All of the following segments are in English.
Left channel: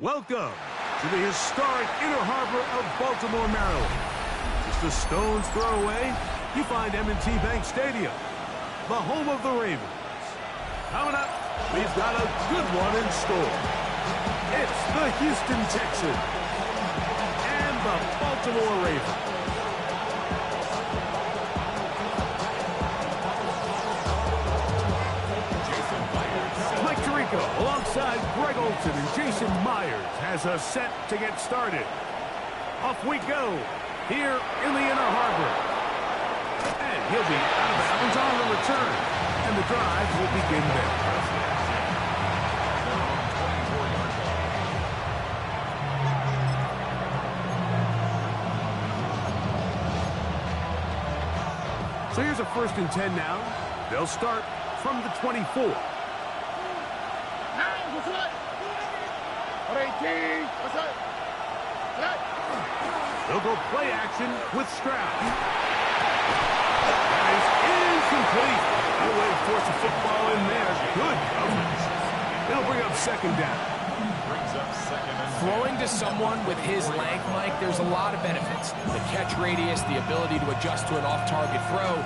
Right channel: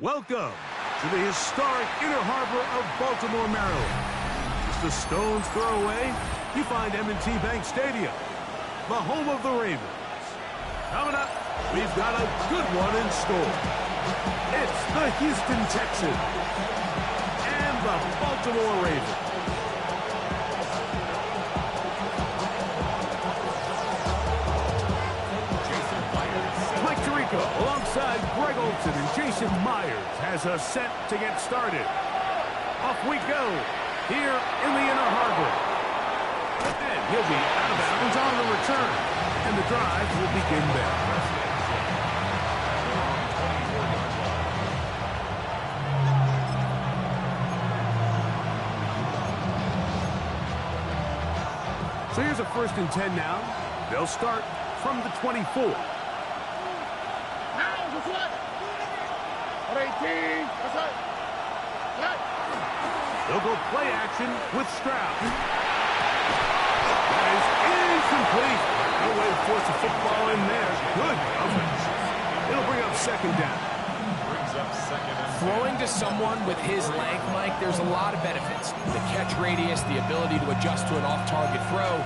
Welcome to the historic Inner Harbor of Baltimore, Maryland. Just a stone's throw away, you find M&T Bank Stadium, the home of the Ravens. Coming up, we've got a good one in store. It's the Houston Texans and the Baltimore Ravens. Alongside Greg Olson and Jason Myers has us set to get started. Off we go here in the Inner Harbor. And he'll be out of bounds on the return. And the drive will begin there. So here's a 1st and 10 now. They'll start from the 24. They'll go play action with Stroud. That is incomplete. No way to force a football in there. Good coverage. It'll bring up 2nd down. Throwing to someone with his length, Mike, there's a lot of benefits. The catch radius, the ability to adjust to an off-target throw.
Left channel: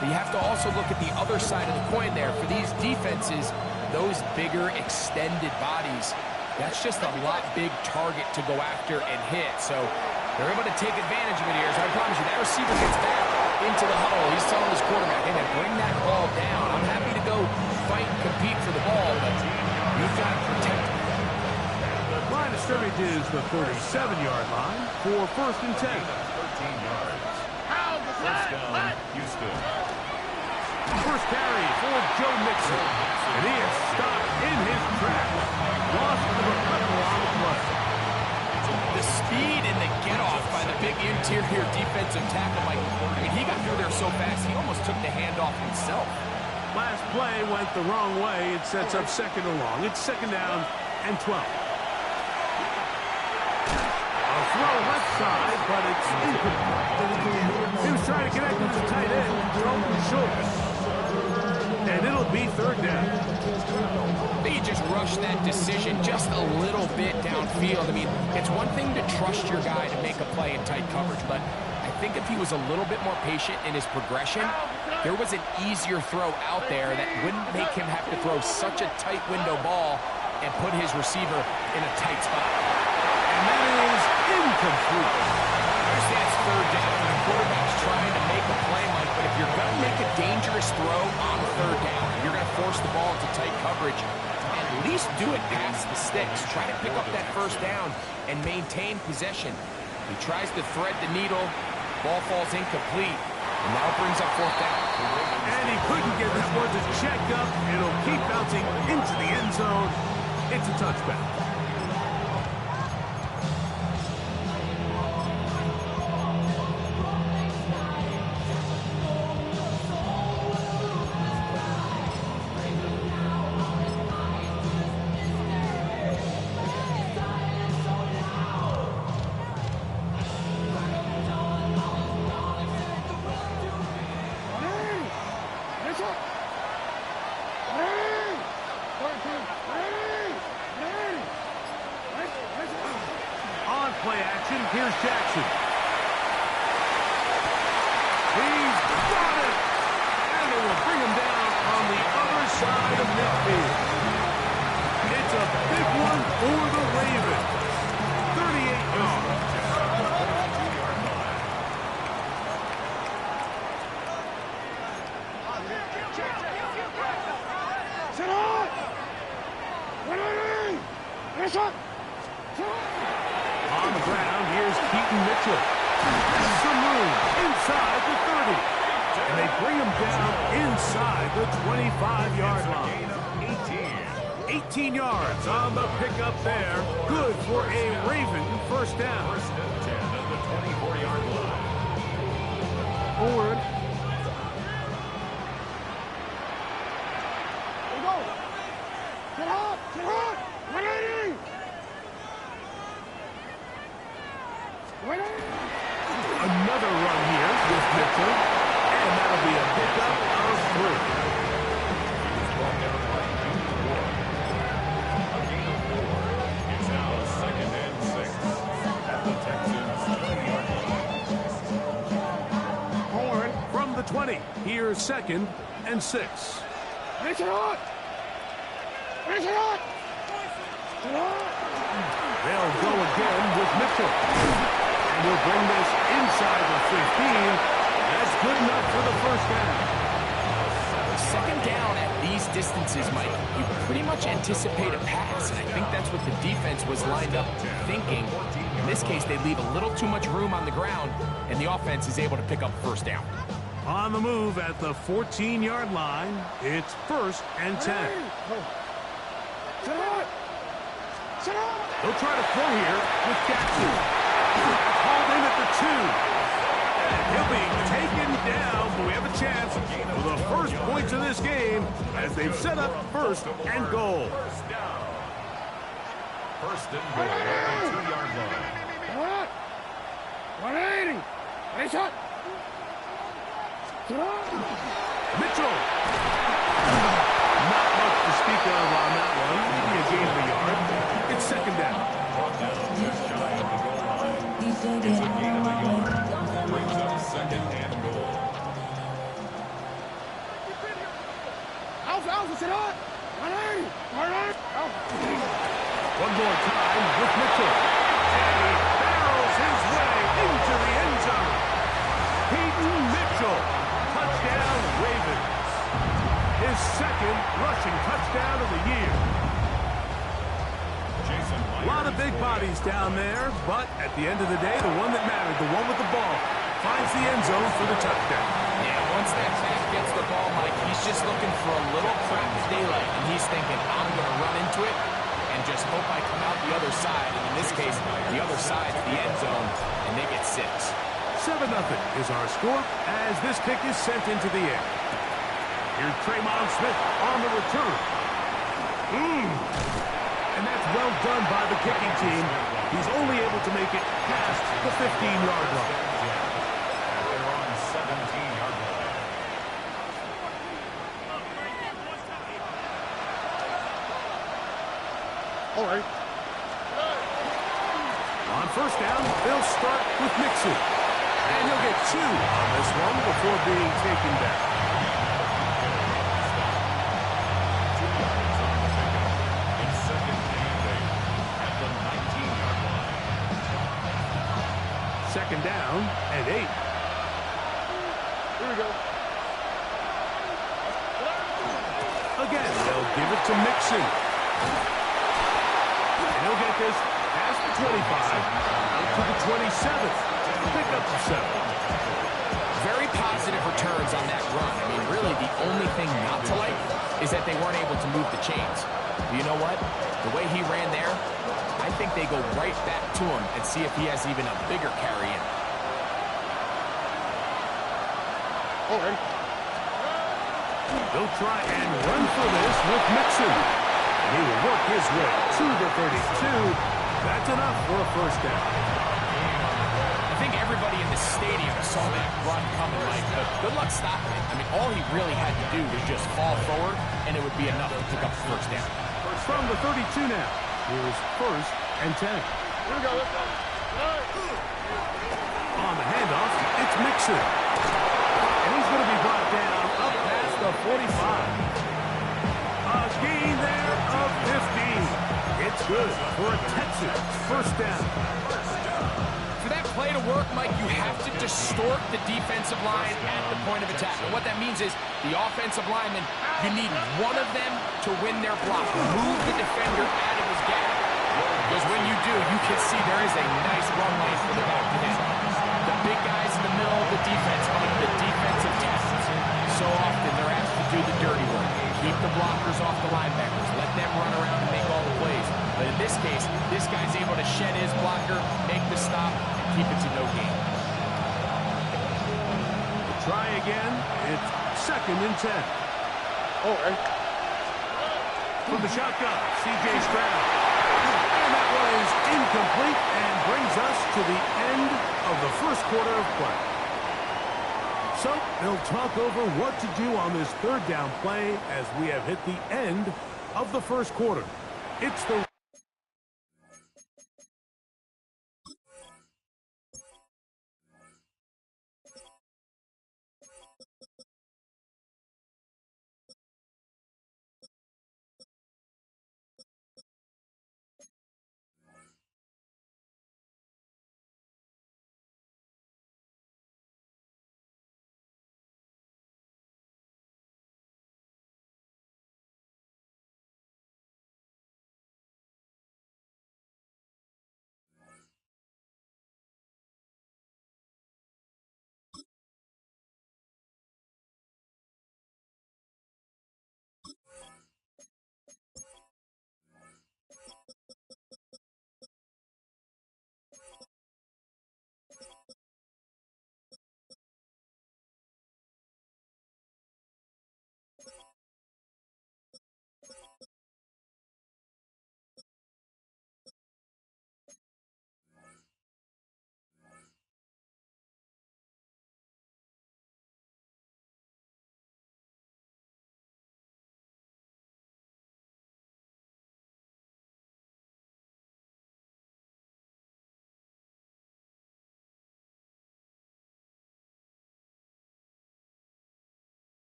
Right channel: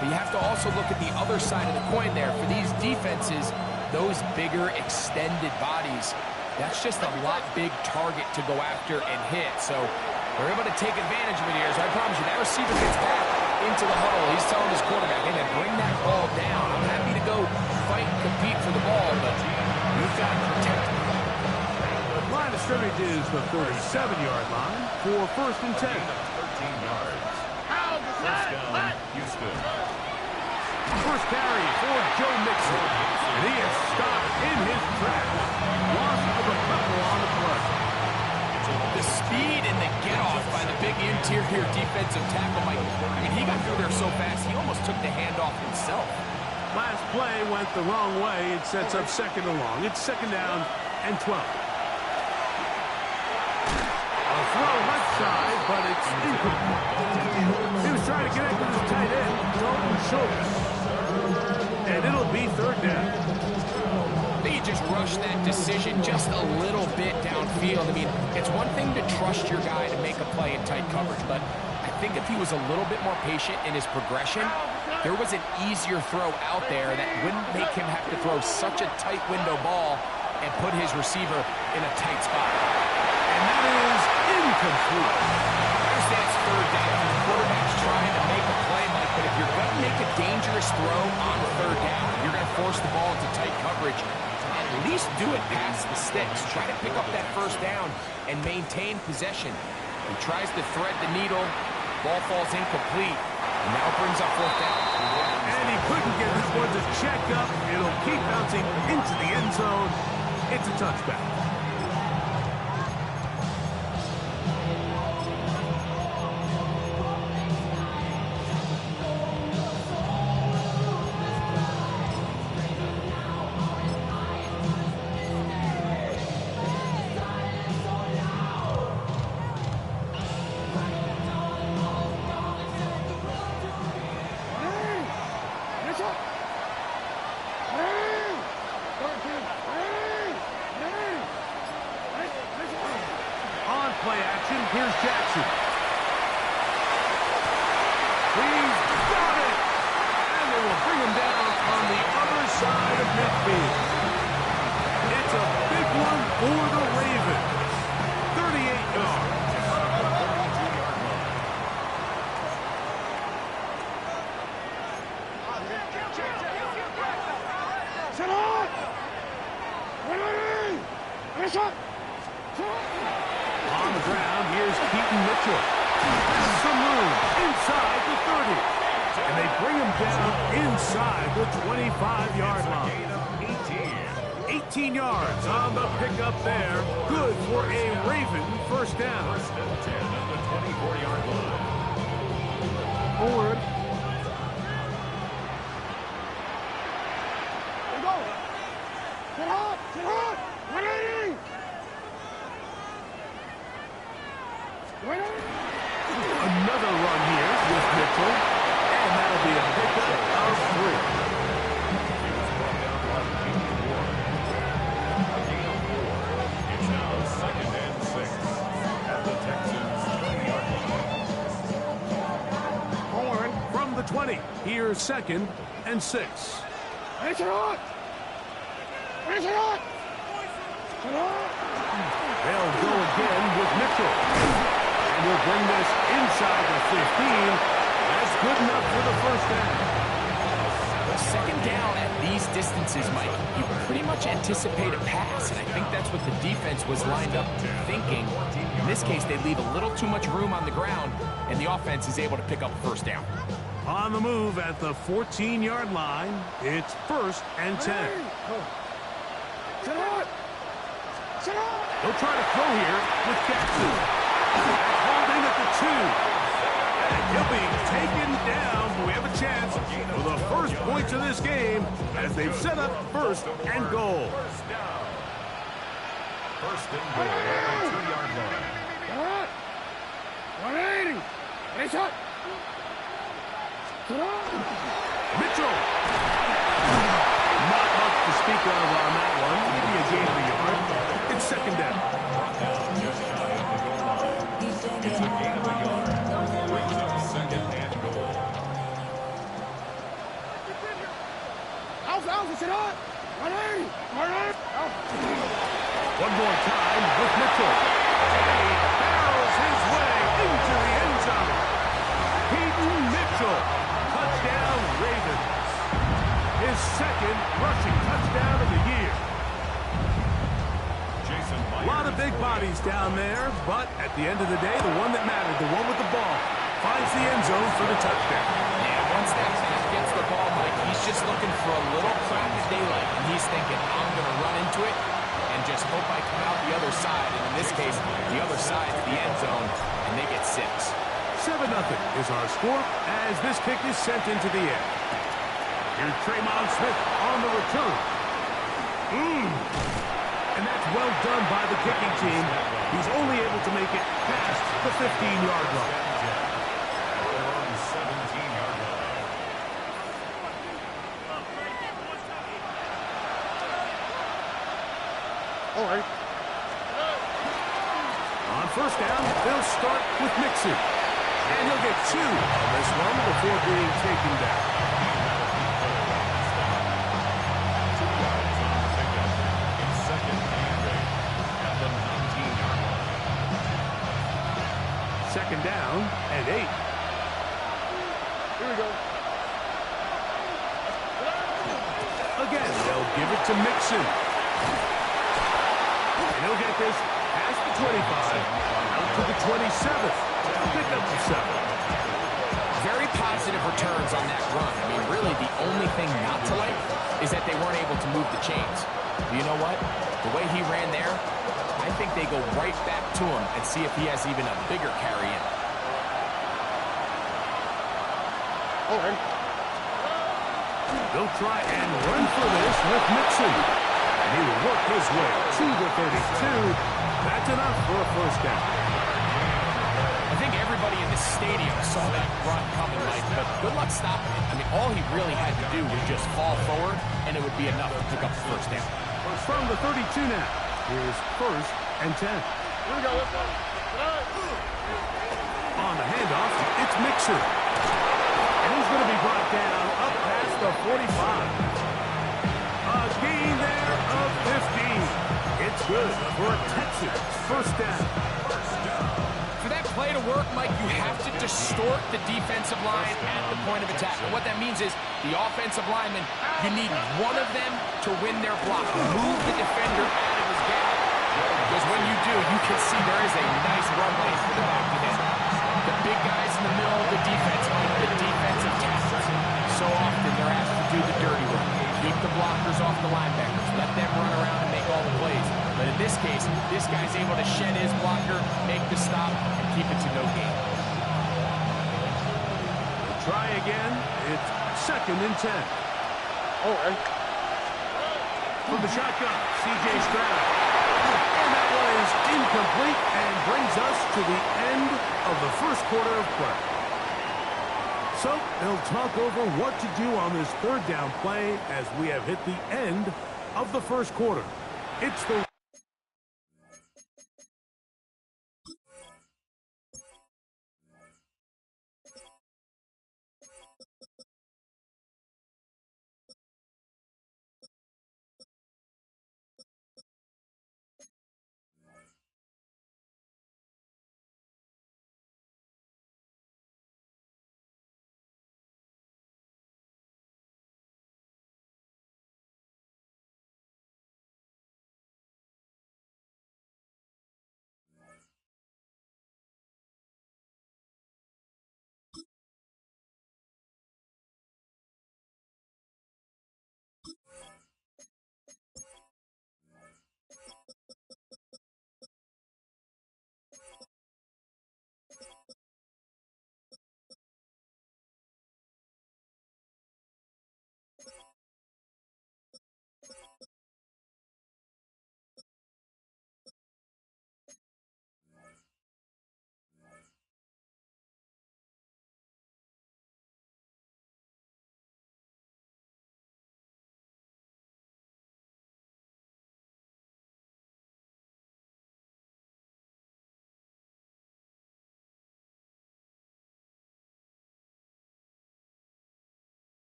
But you have to also look at the other side of the coin there. For these defenses, those bigger, extended bodies, that's just a lot big target to go after and hit. So they're able to take advantage of it here. So I promise you, that receiver gets back into the huddle. He's telling his quarterback, hey, man, bring that ball down. I'm happy to go fight and compete for the ball, but you've got to protect me. Line of scrimmage is the 37-yard line for 1st and 10. 13 yards. First down, Houston. First carry for Joe Mixon, and he is stopped in his tracks. Loss of a couple on the play. The speed and the get-off by the big interior defensive tackle, Mike. I mean, he got through there so fast, he almost took the handoff himself. Last play went the wrong way. It sets up 2nd and long. It's 2nd down and 12. A throw left side, but it's incomplete. He was trying to connect with his tight end, Dalton Schultz. And it'll be 3rd down. They just rushed that decision just a little bit downfield. I mean, it's one thing to trust your guy to make a play in tight coverage, but I think if he was a little bit more patient in his progression, there was an easier throw out there that wouldn't make him have to throw such a tight window ball and put his receiver in a tight spot. And that is incomplete. I understand it's 3rd down. The quarterback's trying to make a play, Mike, but if you're going to make a dangerous throw on 3rd down, you're going to force the ball into tight coverage, at least do it past the sticks. Try to pick up that 1st down and maintain possession. He tries to thread the needle. Ball falls incomplete, and now brings up 4th down. And he couldn't get this one to check up. It'll keep bouncing into the end zone. It's a touchback. On play action, here's Jackson. He's got it! And they will bring him down on the other side of midfield. It's a big one for the Ravens. 38 yards. On the ground, here's Keaton Mitchell. Has some room inside the 30. And they bring him down inside the 25-yard line. 18 yards on the pickup there. Good for a Raven 1st down. 1st and 10 at the 24-yard line. Forward. Get hot! Get hot! 180! Another run here with Mitchell, and that'll be a pickup of 3. He was brought down by Junior Ward. A gain of 4. It's now 20. Here's 2nd and 6. Finish it on! Finish it on! They'll go again with Mitchell. And he'll bring this inside the 15. That's good enough for the first down. Second down at these distances, Mike, you pretty much anticipate a pass, and I think that's what the defense was lined up thinking. In this case, they leave a little too much room on the ground, and the offense is able to pick up first down. On the move at the 14-yard line, it's 1st and 10. Sit out! Sit out! They'll try to throw here with Jackson. That's hauled in at the 2. And he'll be taken down, but we have a chance for the first points of this game as they've set up 1st and goal. First down. 1st and goal at the 2-yard line. Sit out! 180! Finish it! Sit out! Mitchell. Not much to speak of on that one. Maybe a gain of a yard. It's 2nd down. Brought down just shy of the goal line. It's a gain of a yard. Brings up 2nd and goal. Alpha, sit out! 180! 180! Alpha! One more time with Mitchell. And he barrels his way into the end zone. Peyton Mitchell. Touchdown, Ravens. His 2nd rushing touchdown of the year. A lot of big bodies down there, but at the end of the day, the one that mattered, the one with the ball, finds the end zone for the touchdown. Yeah, once that back gets the ball, Mike, he's just looking for a little crack of daylight, and he's thinking, I'm going to run into it and just hope I come out the other side. And in this case, the other side's the end zone, and they get 6. 7-0 is our score as this kick is sent into the air. Here's Tremont Smith on the return. And that's well done by the kicking team. He's only able to make it past the 15-yard line. They're on 17-yard line. All right. On 1st down, they'll start with Mixon. And he'll get 2 on this one before being taken down. 2 yards on the pickup. It's 2nd and 8 at the 19-yard line. 2nd down and 8. Here we go. Again, they'll give it to Mixon. And he'll get this past the 25, out to the 27th. A pickup of 7. Very positive returns on that run. I mean, really, the only thing not to like is that they weren't able to move the chains. But you know what? The way he ran there, I think they go right back to him and see if he has even a bigger carry in. All right. They'll try and run for this with Mixon. And he will work his way to the 32. That's enough for a first down. I think everybody in the stadium saw that run coming, Mike, but good luck stopping it. I mean, all he really had to do was just fall forward, and it would be enough to pick up the first down. From the 32 now, here's 1st and 10. Here we go. Let's go. On the handoff, it's Mixon. And he's going to be brought down up past the 45. A gain there of 15. It's good for a Texans first down. For that play to work, Mike, you have to distort the defensive line at the point of attack. And what that means is the offensive lineman, you need one of them to win their block. Move the defender out of his gap. Because when you do, you can see there is a nice run lane for the back to hit. The big guys in the middle of the defense, Mike, the defensive tackles. So often they're asked to do the dirty work. Keep the blockers off the linebackers. Let them run around and make all the plays. But in this case, this guy's able to shed his blocker, make the stop, and keep it to no gain. We'll try again. It's 2nd and 10. All right. From the shotgun, C.J. Stroud. And that one is incomplete and brings us to the end of the first quarter of play. So they'll talk over what to do on this 3rd down play as we have hit the end of the first quarter. It's the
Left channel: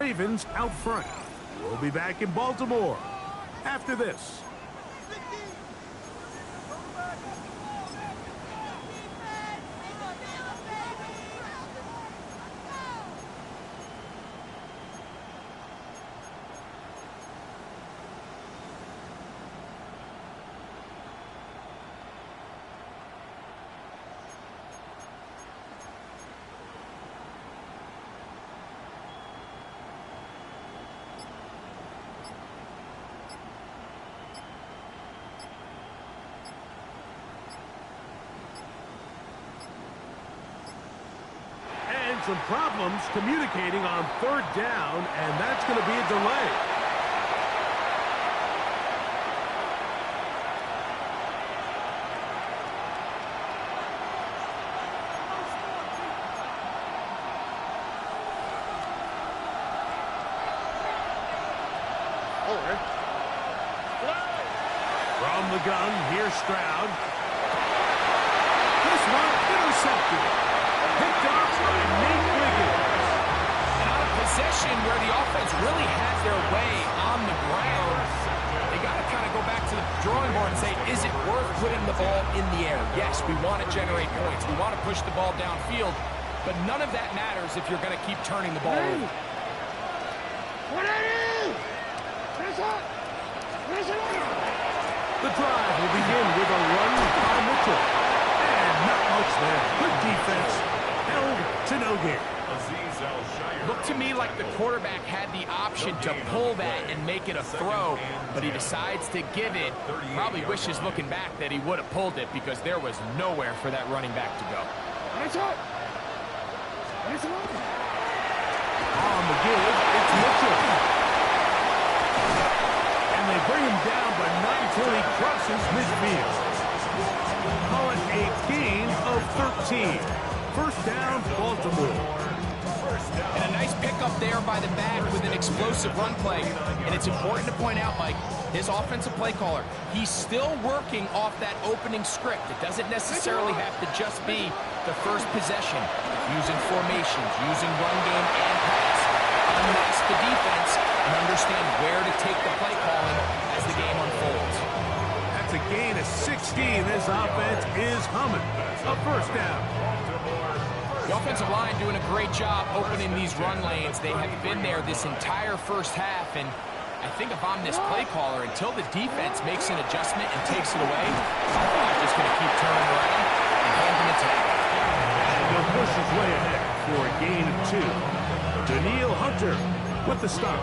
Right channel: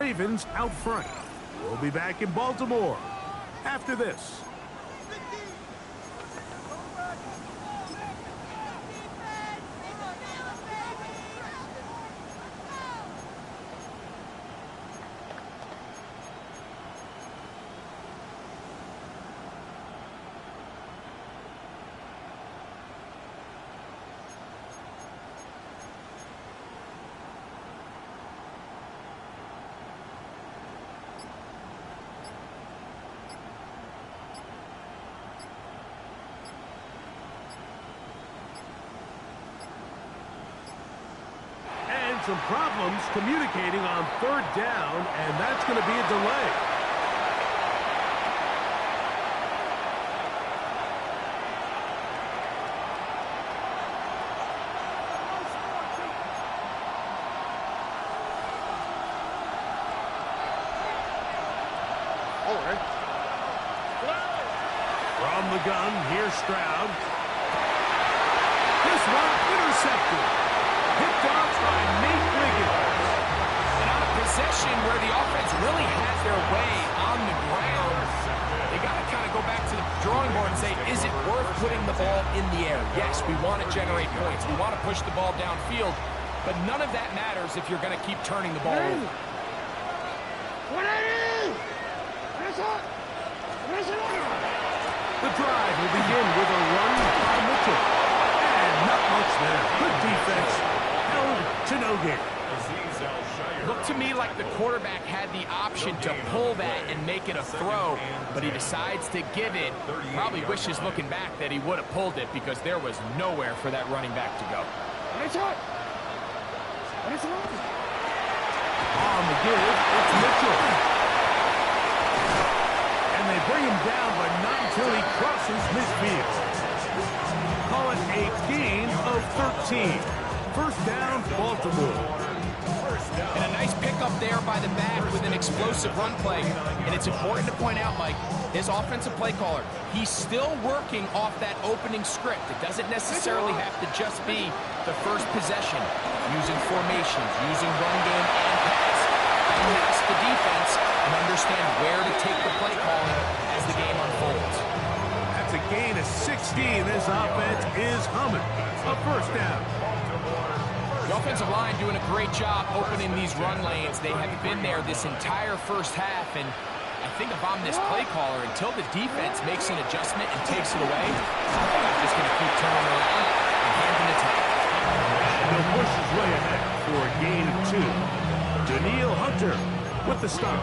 Ravens out front. We'll be back in Baltimore after this. Some problems communicating on third down, and that's going to be a delay. From the gun, here's Stroud. This one intercepted. Picked off by Nate Wiggins. And on a possession where the offense really had their way on the ground, they got to kind of go back to the drawing board and say, is it worth putting the ball in the air? Yes, we want to generate points. We want to push the ball downfield, but none of that matters if you're going to keep turning the ball over. The drive will begin with a run by Mitchell. And not much there. Good defense. Held to no gain. Looked to me like the quarterback had the option to pull that and make it a throw, but he decides to give it. Probably wishes looking back that he would have pulled it because there was nowhere for that running back to go. On the give, it's Mitchell. And they bring him down, but not until he crosses midfield. Call it a gain of 13. First down, Baltimore. And a nice pickup there by the back with an explosive run play. And it's important to point out, Mike, his offensive play caller, he's still working off that opening script. It doesn't necessarily have to just be the first possession. Using formations, using run game and pass. Unmask the defense and understand where to take the play calling as the game unfolds. That's a gain of 16. This offense is humming. A first down. The offensive line doing a great job opening these run lanes. They have been there this entire first half, and I think if I'm this play caller, until the defense makes an adjustment and takes it away, I think I'm just going to keep turning around and handing it to him. And he'll push his way ahead for a gain of 2. Daniil Hunter with the stop.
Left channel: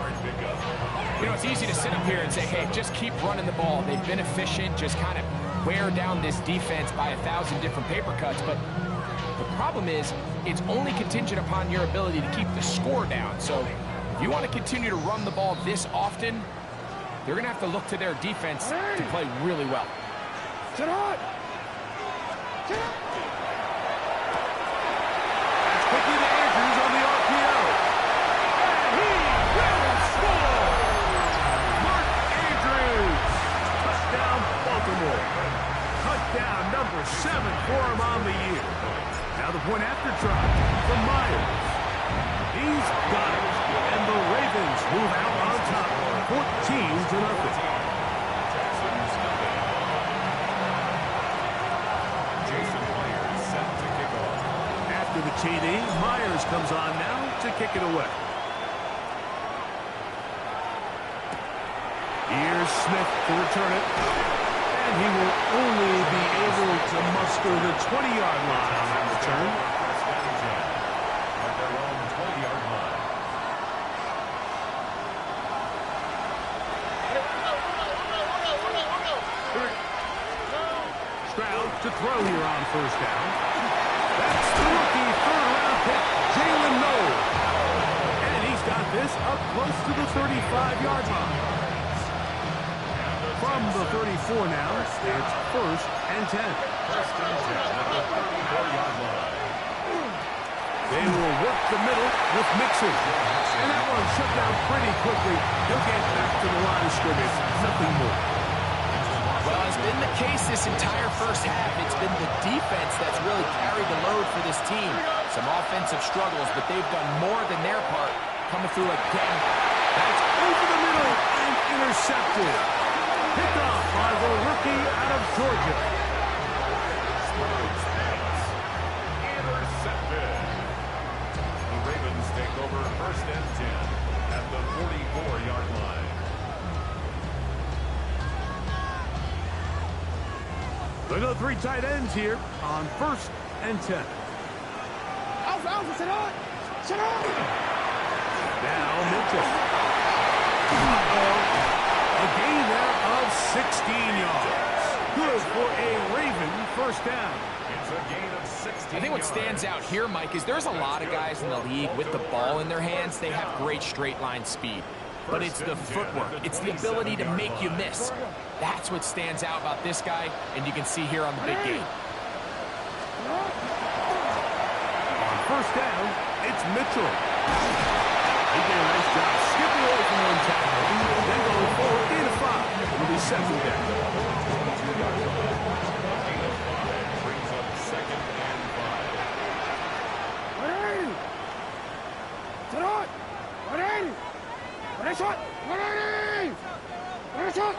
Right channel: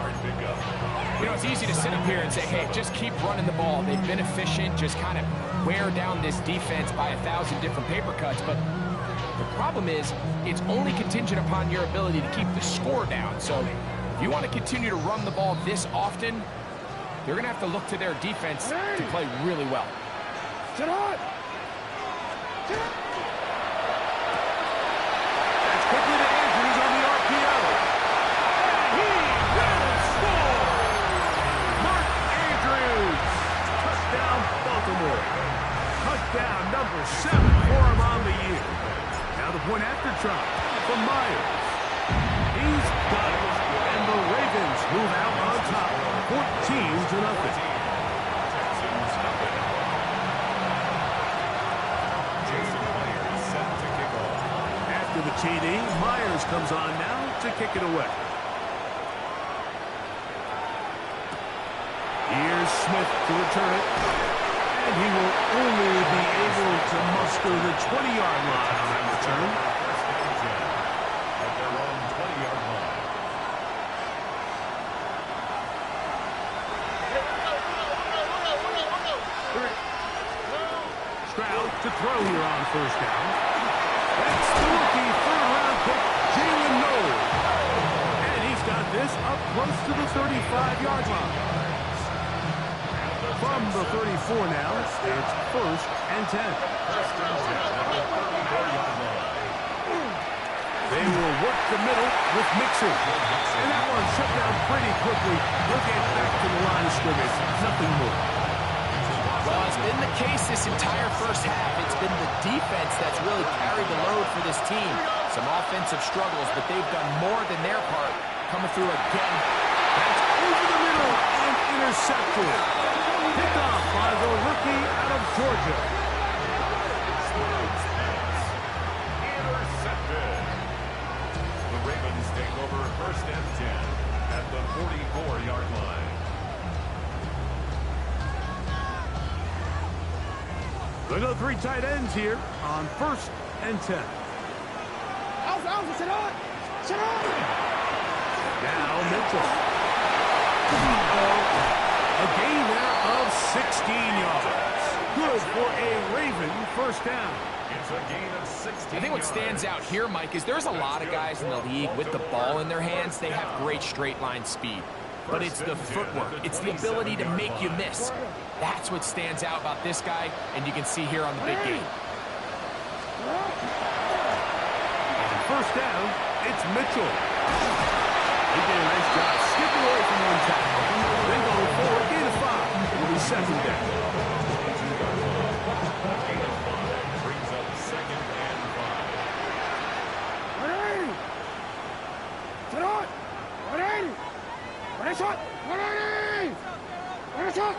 You know, it's easy to sit up here and say, hey, just keep running the ball. They've been efficient, just kind of wear down this defense by 1,000 different paper cuts, but the problem is, it's only contingent upon your ability to keep the score down. So if you want to continue to run the ball this often, they're going to have to look to their defense to play really well. That's quickly to Andrews on the RPO. And he will score! Mark Andrews! Touchdown, Baltimore. Touchdown number 7 for him on the year. Now the point after try from Myers. He's got it. And the Ravens move out on top, 14-0. After the TD, Myers comes on now to kick it away. Here's Smith to return it. And he will only be able to muster the 20-yard line on that return. At their own 20-yard line. Stroud to throw here on first down. That's the rookie third-round pick, Jalen Noel. And he's got this up close to the 35-yard line. From the 34 now, it's first and 10. First and 10 at the 34-yard line. They will work the middle with Mixon. And that one shut down pretty quickly. He'll get back to the line of scrimmage. Nothing more. Well, it's been the case this entire first half. It's been the defense that's really carried the load for this team. Some offensive struggles, but they've done more than their part coming through again. That's over the middle and intercepted. Picked off by the rookie out of Georgia. Sprout's pass. Intercepted. The Ravens take over 1st and 10 at the 44-yard line. They go 3 tight ends here on 1st and 10. Alpha, sit on! Sit on! Now Mitchell. A gain there of 16 yards. Good for a Raven 1st down. It's a gain of 16 I think what stands out here, Mike, is there's a lot of guys in the league with the ball in their hands. They have great straight line speed. But it's the footwork. It's the ability to make you miss. That's what stands out about this guy, and you can see here on the big game. On 1st down, it's Mitchell. He did a nice job skipping away from one tackle, then going forward, gain of 5. It'll be 2nd down. Gain of 5 brings up 2nd and 5. Ready! Sit on! Ready! Ready, shot! Ready! Ready, shot!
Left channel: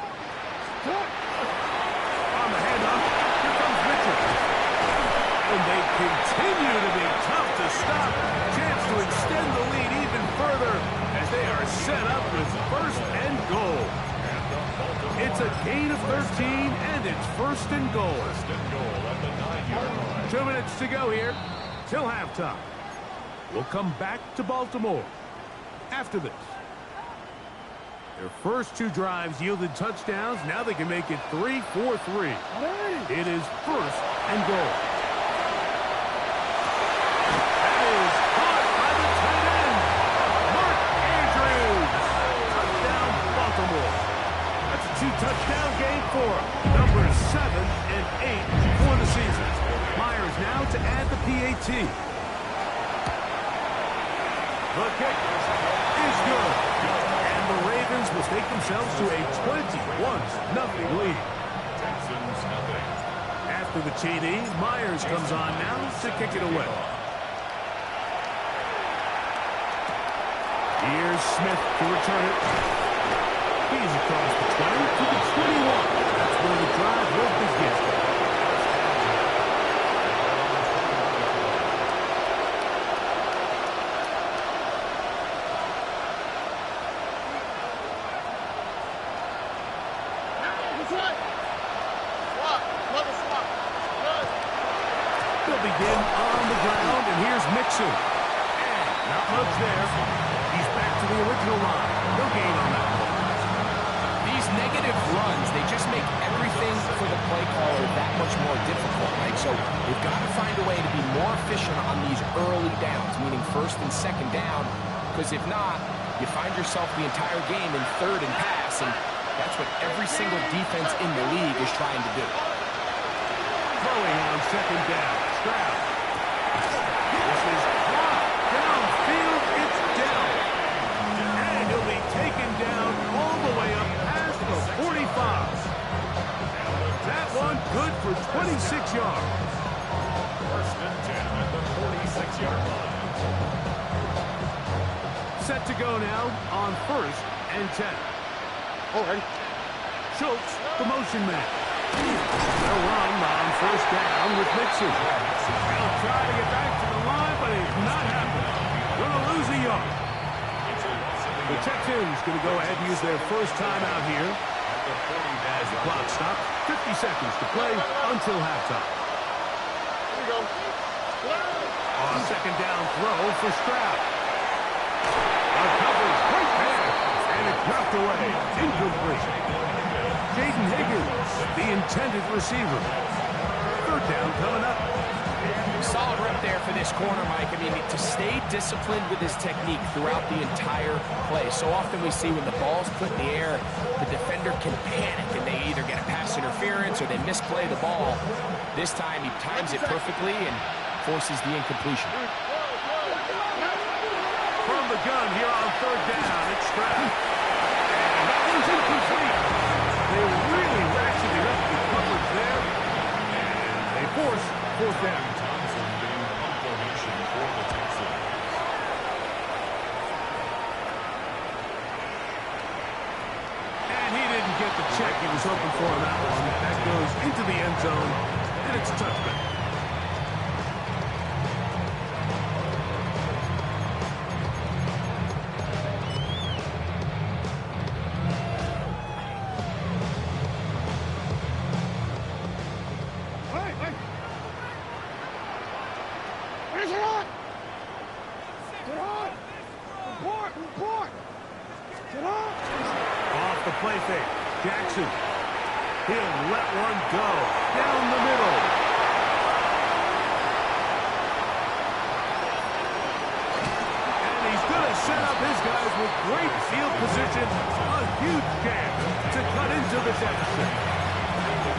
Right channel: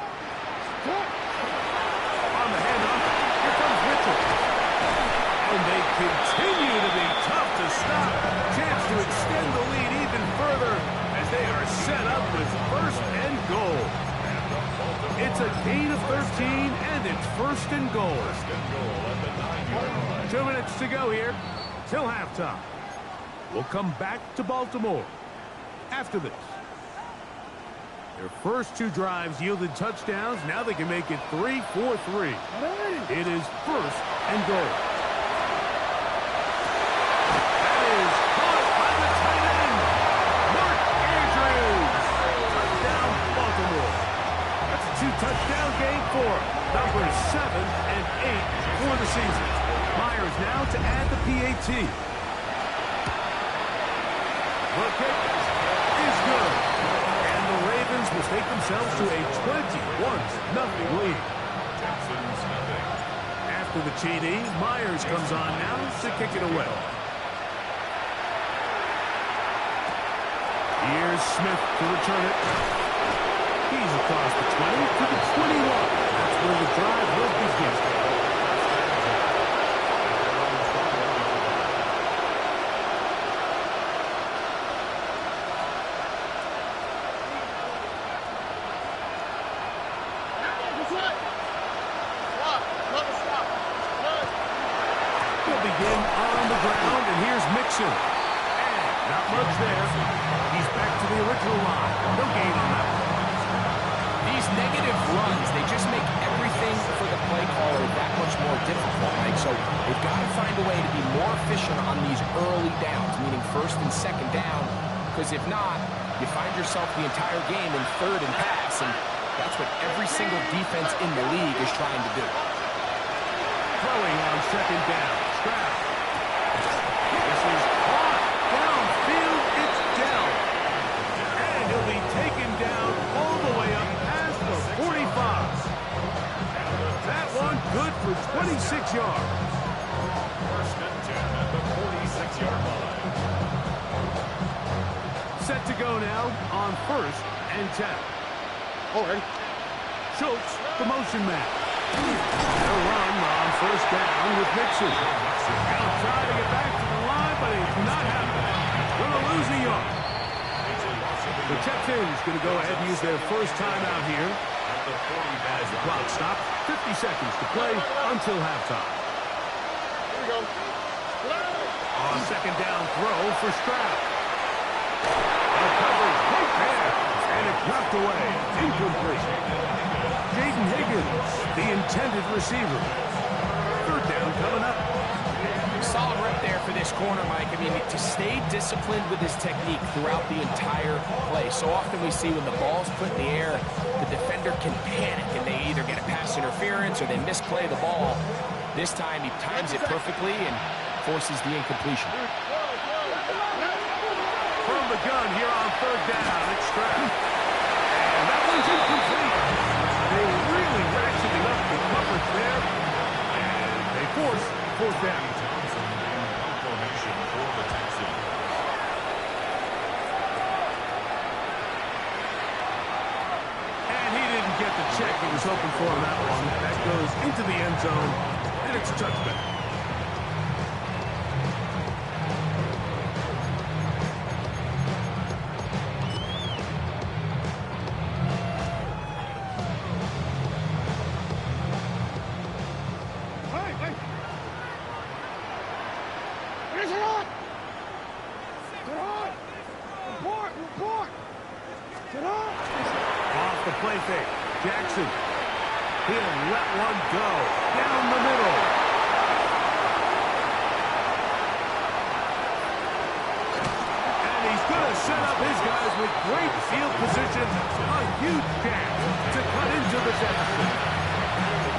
Shot! On the handoff, here comes Mitchell. And they continue to be tough to stop. Chance to extend the lead even further as they are set up with 1st and goal. It's a gain of 13, and it's 1st and goal. 1st and goal at the 9-yard line. 2 minutes to go here till halftime. We'll come back to Baltimore after this. Their first 2 drives yielded touchdowns. Now they can make it 3-4-3. It is 1st and goal. That is caught by the tight end, Mark Andrews. Touchdown, Baltimore. That's a 2-touchdown game for numbers 7 and 8 for the season. Myers now to add the PAT. The kick is good. And the Ravens will take themselves to a 21-0 lead. Texans nothing. After the TD, Myers comes on now to kick it away. Here's Smith to return it. He's across the 20 to the 21. That's where the drive will begin. He'll begin on the ground, and here's Mixon. And not much there. He's back to the original line. No gain on that one. These negative runs, they just make everything for the play caller that much more difficult, Mike. So they've got to find a way to be more efficient on these early downs, meaning 1st and 2nd down, because if not, you find yourself the entire game in 3rd and pass, and that's what every single defense in the league is trying to do. Throwing on 2nd down. Stroud. This is caught. Downfield, it's Dell. And he'll be taken down all the way up past the 45. That one good for 26 yards. 1st and 10 at the 46-yard line. Set to go now on 1st and 10. All right. Schultz, the motion man. They'll run on 1st down with Mixon. He'll try to get back to the line, but it's not happening. Going to lose a yard. The Texans going to go ahead and use their first timeout here. As the clock stops, 50 seconds to play until halftime. Here we go. On 2nd down throw for Stroud. A coverage right there, and it's knocked away. Incomplete. Jaden Higgins, the intended receiver. 3rd down coming up. Solid rep there for this corner, Mike. I mean, to stay disciplined with his technique throughout the entire play. So often we see when the ball's put in the air, the defender can panic, and they either get a pass interference or they misplay the ball. This time he times it perfectly and forces the incompletion. From the gun here on 3rd down, it's Stroud. And that one's incomplete. They really ratcheting up the coverage there, and they force 4th down. Thompson being punt formation for the Texans. didn't get the check he was hoping for on that one. That goes into the end zone, and it's a touchback. Off the play fake. Jackson. He'll let one go. Down the middle. And he's going to set up his guys with great field position. A huge chance to cut into the deficit.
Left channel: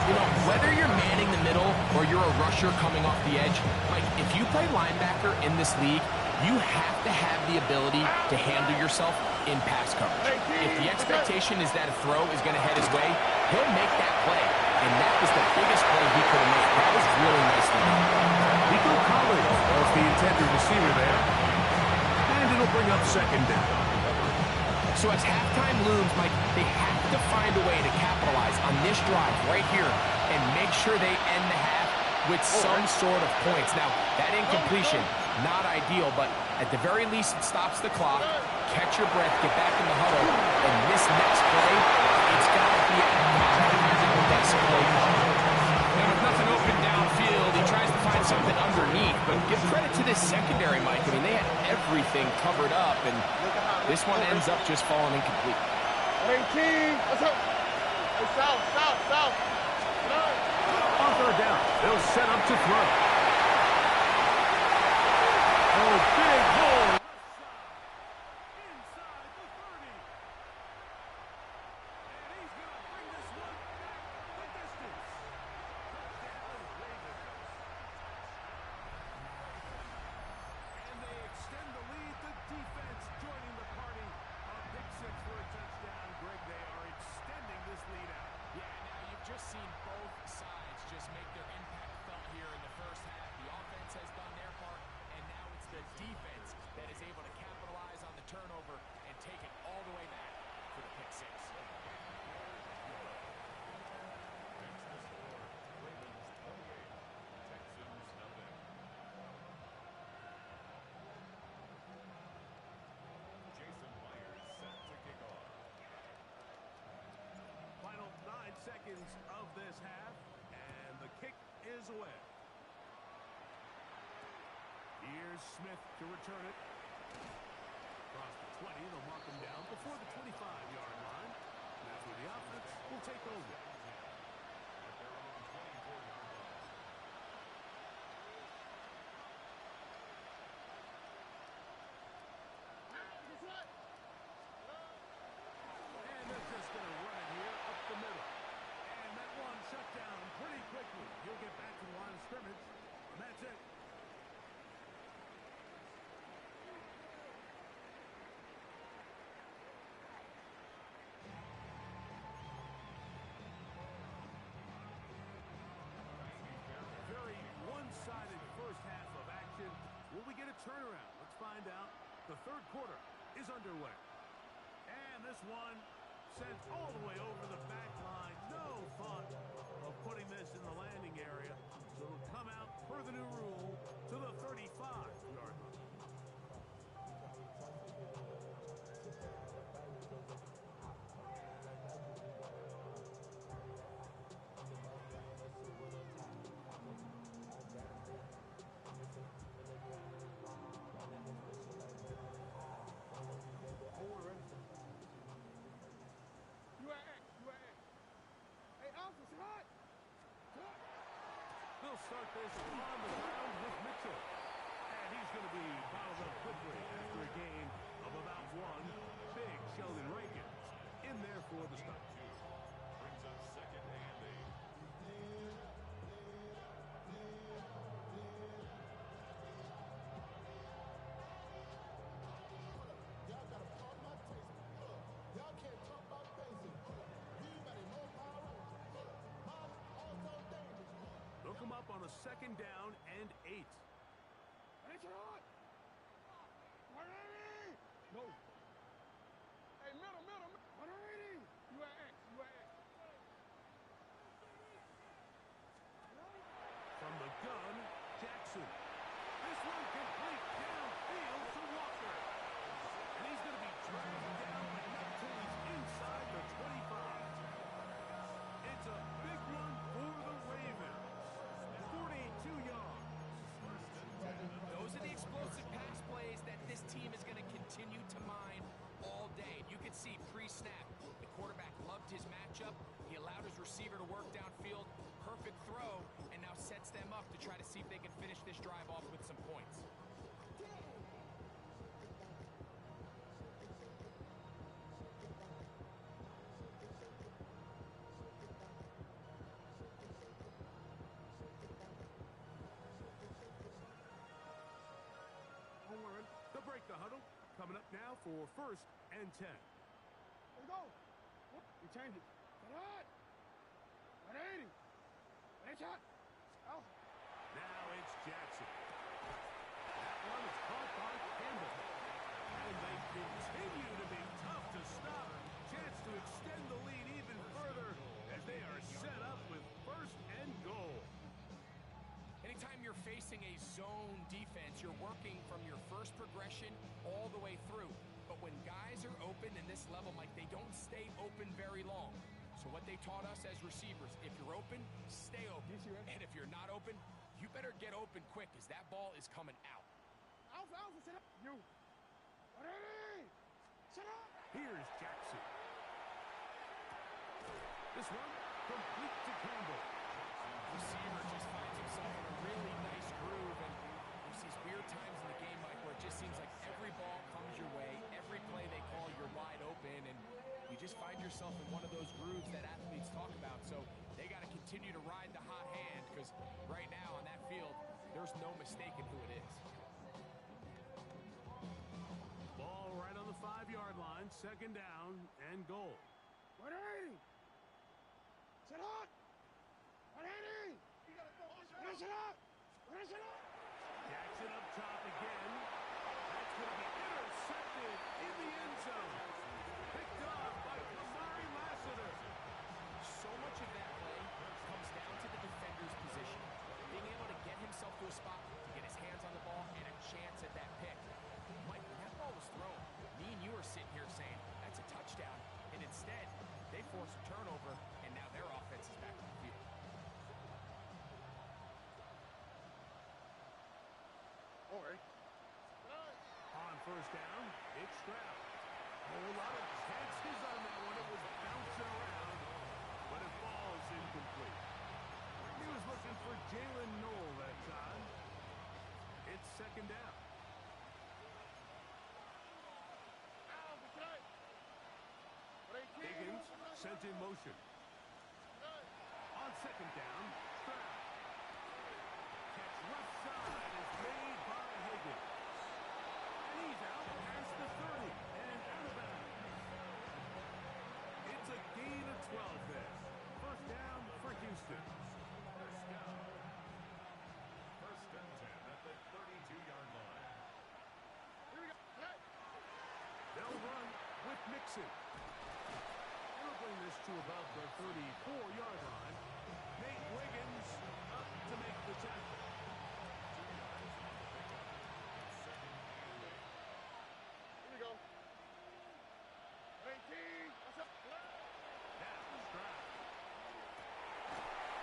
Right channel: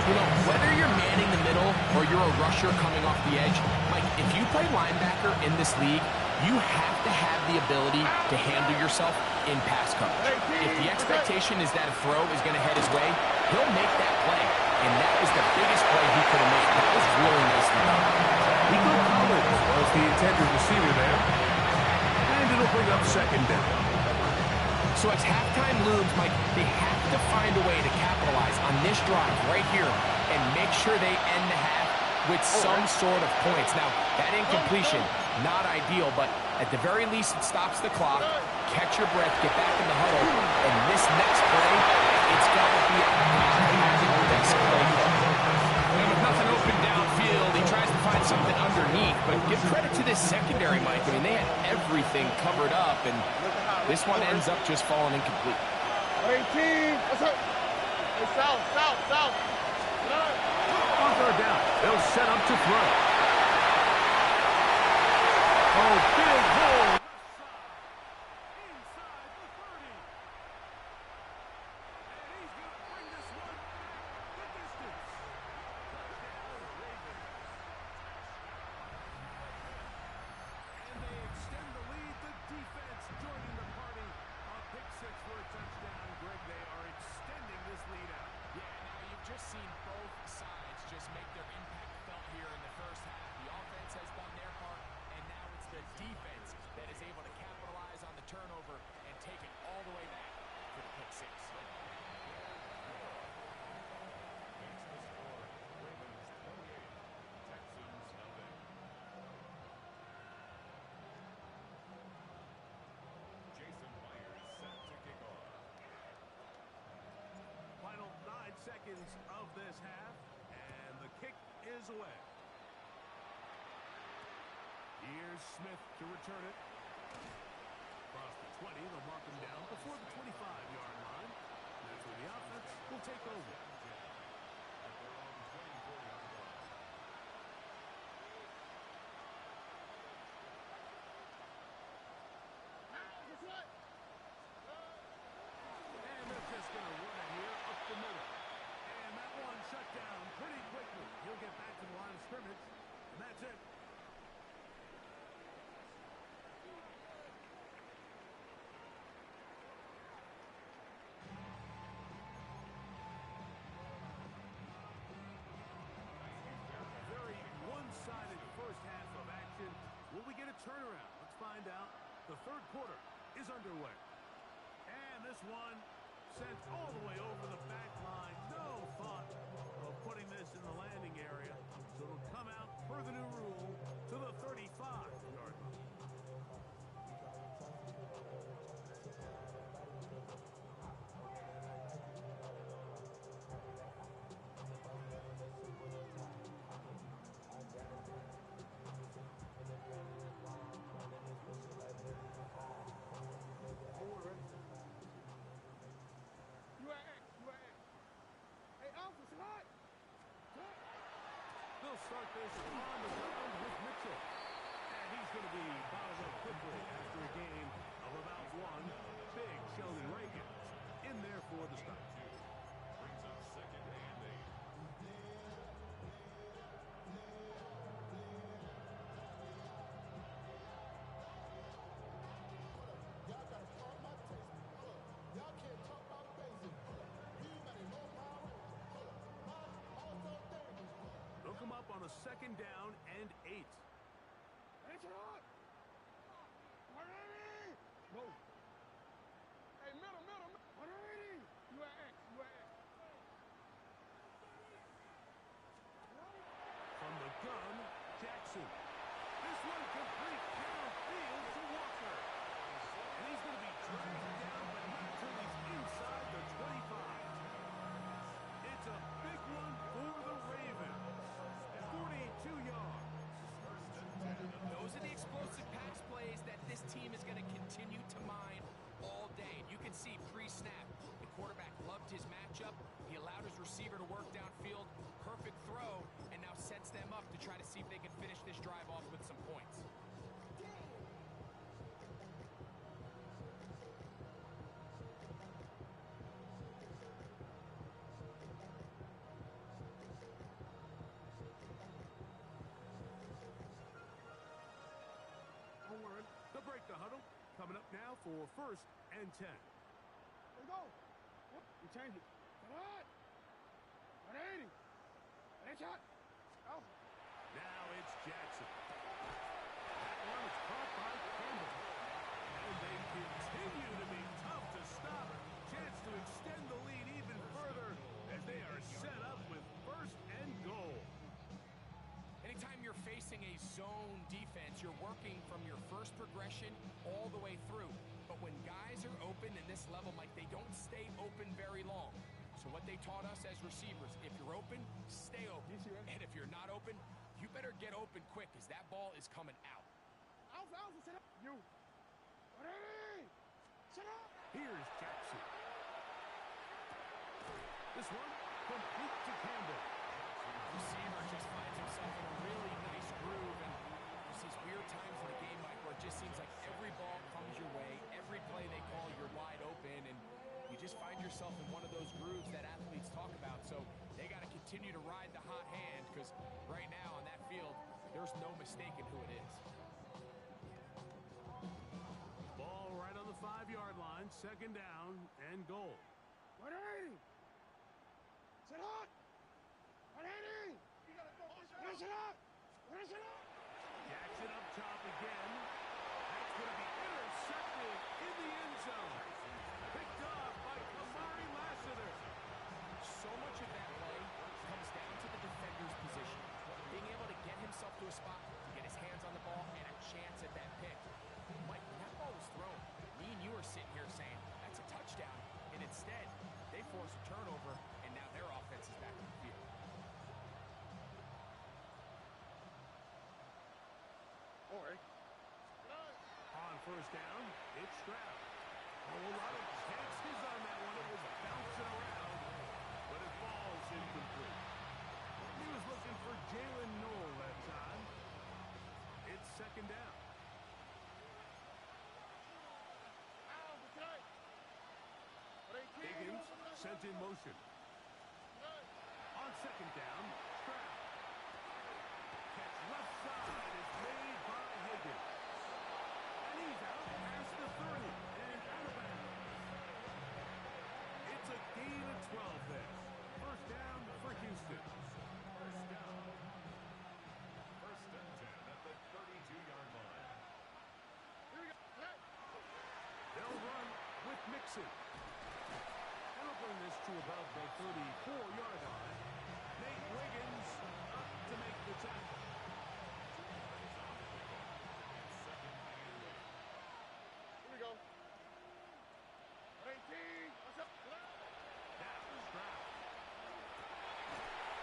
You know, whether you're manning the middle or you're a rusher coming off the edge, Mike, if you play linebacker in this league, you have to have the ability to handle yourself in pass coverage. If the expectation is that a throw is going to head his way, he'll make that play. And that was the biggest play he could have made. That was really nicely done. Nico Collins was the intended receiver there. And it'll bring up second down. So as halftime looms, Mike, they have to find a way to capitalize on this drive right here and make sure they end the half with some sort of points. Now, that incompletion, not ideal, but at the very least, it stops the clock. Catch your breath, get back in the huddle, and this next play, it's got to be a best play call. And with nothing open downfield, he tries to find something underneath, but give credit to this secondary, Mike. I mean, they had everything covered up, and this one ends up just falling incomplete. 18. What's up? Hey, south. On third down, they'll set up to throw. Oh, big hole. Left side. Inside the 30. And he's going to bring this one back the distance. Touchdown, Ravens. And they extend the lead. The defense joining the party. A pick six for a touchdown. Greg, they are extending this lead out. Yeah, now you've just seen both sides just make their impact felt here in the first half. The offense has done their part, and now it's the defense that is able to capitalize on the turnover and take it all the way back for the pick six. Makes the score. Ravens 28, Texans nothing. Jason Myers set to kick off. Final 9 seconds of this half, and the kick is away. Here's Smith to return it. Across the 20, they'll mark him down before the 25-yard line. That's where the offense will take over. At their own 24-yard line. And they're just going to run it here up the middle. And that one shut down pretty quickly. He'll get back to the line of scrimmage, and that's it. Very one-sided first half of action. Will we get a turnaround? Let's find out. The third quarter is underway. And this one sent all the way over the back line. No thought of putting this in the landing area. So it'll come out per the new rule to the 35-yard line. They'll start this on the ground with Mitchell. And he's going to be bottled up quickly after a gain of about one. Big Sheldon Rankins in there for the stop. Brings up second and 8. Y'all gotta pump my taste. Y'all can't talk about basic. Anybody know Power Rangers? Mine also dangerous. They'll come up on a second down and 8. No. Hey, middle. 180. You at X. Jackson. This one complete downfield to Walker. And he's going to be dragged down, but not till he's inside the 25. It's a big one for the Ravens. 42 yards. Those are the explosive pass plays that this team is going to continue to mine all day. And you can see pre-snap, the quarterback loved his matchup. He allowed his receiver to work downfield. Perfect throw, and now sets them up to try to see if they can finish this drive off with some points. They'll break the huddle. Coming up now for 1st and 10. Let's go. You change it. Get on. 180. 180 shot. Out. Now it's Jackson. That one is caught by Campbell. And they continue to be tough to stop. Chance to extend the lead even further as they are set up with 1st and goal. Anytime you're facing a zone defense, you're working from your first progression all the way through. But when guys are open in this level, Mike, they don't stay open very long. So what they taught us as receivers, if you're open, stay open. And if you're not open, you better get open quick because that ball is coming out. Alpha, set up. You. 180. Set up. Here's Jackson. This one complete to Campbell. Receiver just finds himself in a really nice groove, and there's these weird times in the game, Mike, where it just seems like every ball comes your way, every play they call, you're wide open, and you just find yourself in one of those grooves that athletes talk about. So they got to continue to ride the hot hand, because right now on that field, there's no mistaking who it is. Ball right on the 5-yard line, 2nd down and goal. 180. Set up. 180. Finish it up. Finish it up. Jackson up top again. That's going to be intercepted in the end zone. Picked off by Kamari Lassiter. So much of that play comes down to the defender's position. Being able to get himself to a spot, to get his hands on the ball, and a chance at that pick. Mike, when that ball was thrown, me and you are sitting here saying, that's a touchdown. And instead, they force a turnover, and now their offense is back on the field. All right. On 1st down, it's Stroud. A whole lot of chances on that one. It was bouncing around, but it falls incomplete. He was looking for Jalen Noel that time. It's 2nd down. Higgins sent in motion. On 2nd down, Stroud. Catch left side is made by Higgins. And he's out past the 30 and out of bounds. It's a gain of 12 there. 1st down for Houston. 1st down. 1st and 10 at the 32-yard line. Here we go. They'll run with Mixon. And they'll bring this to about the 34-yard line. Nate Wiggins up to make the tackle. 2 yards on the pickup. It's 2nd and 8. Here we go. 18. What's up? Now Stroud.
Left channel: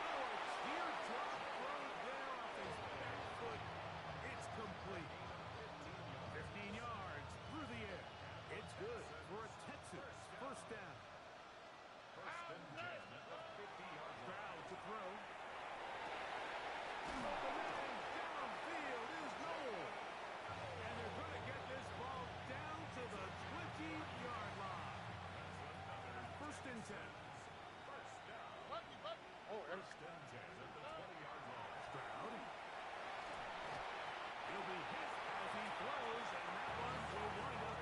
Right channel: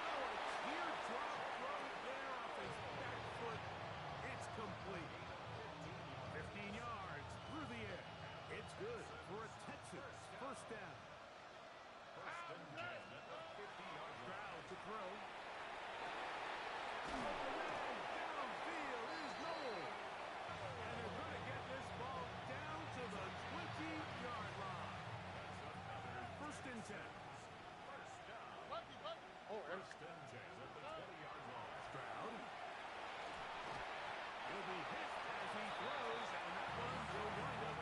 Oh, a teardrop throw there off his back foot. It's complete. 15 yards through the air. It's good for a Texans 1st down. 1st and 10 at the 50-yard line. Stroud to throw. Open man downfield is Noel. And they're going to get this ball down to the 20-yard line. That's another 1st and 10. 1st down. Oh, and 1st and 10 at the 20-yard line. Stroud. He'll be hit as he throws, and that one will wind up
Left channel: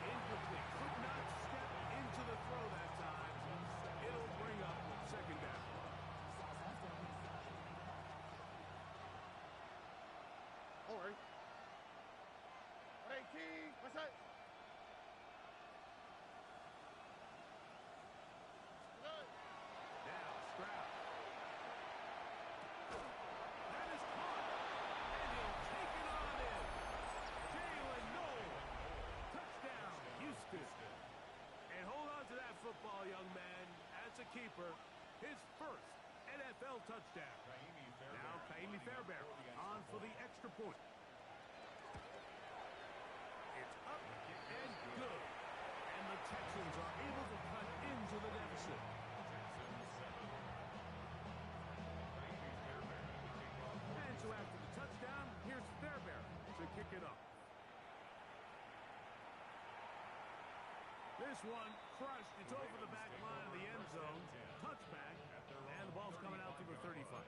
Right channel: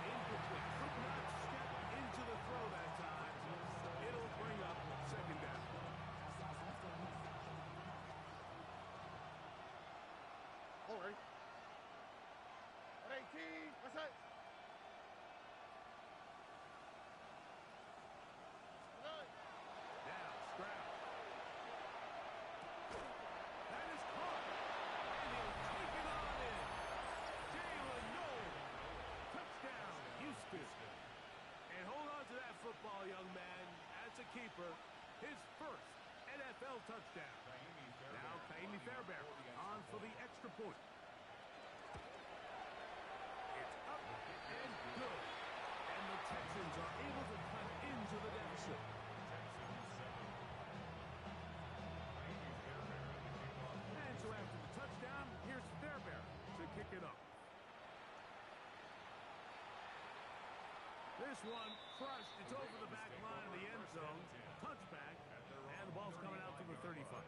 incomplete. Could not step into the throw that time. It'll bring up 2nd down. all right. 118. What's that? Now Stroud. That is caught. young man, as a keeper, his first NFL touchdown. Now Kaimi Fairbairn on for the extra point. It's up and good. And the Texans are able to cut into the deficit. Texans 7. And so after the touchdown, here's Fairbairn to kick it off. This one crushed. It's over the back line of the end zone. Touchback. And the ball's coming out to the 35.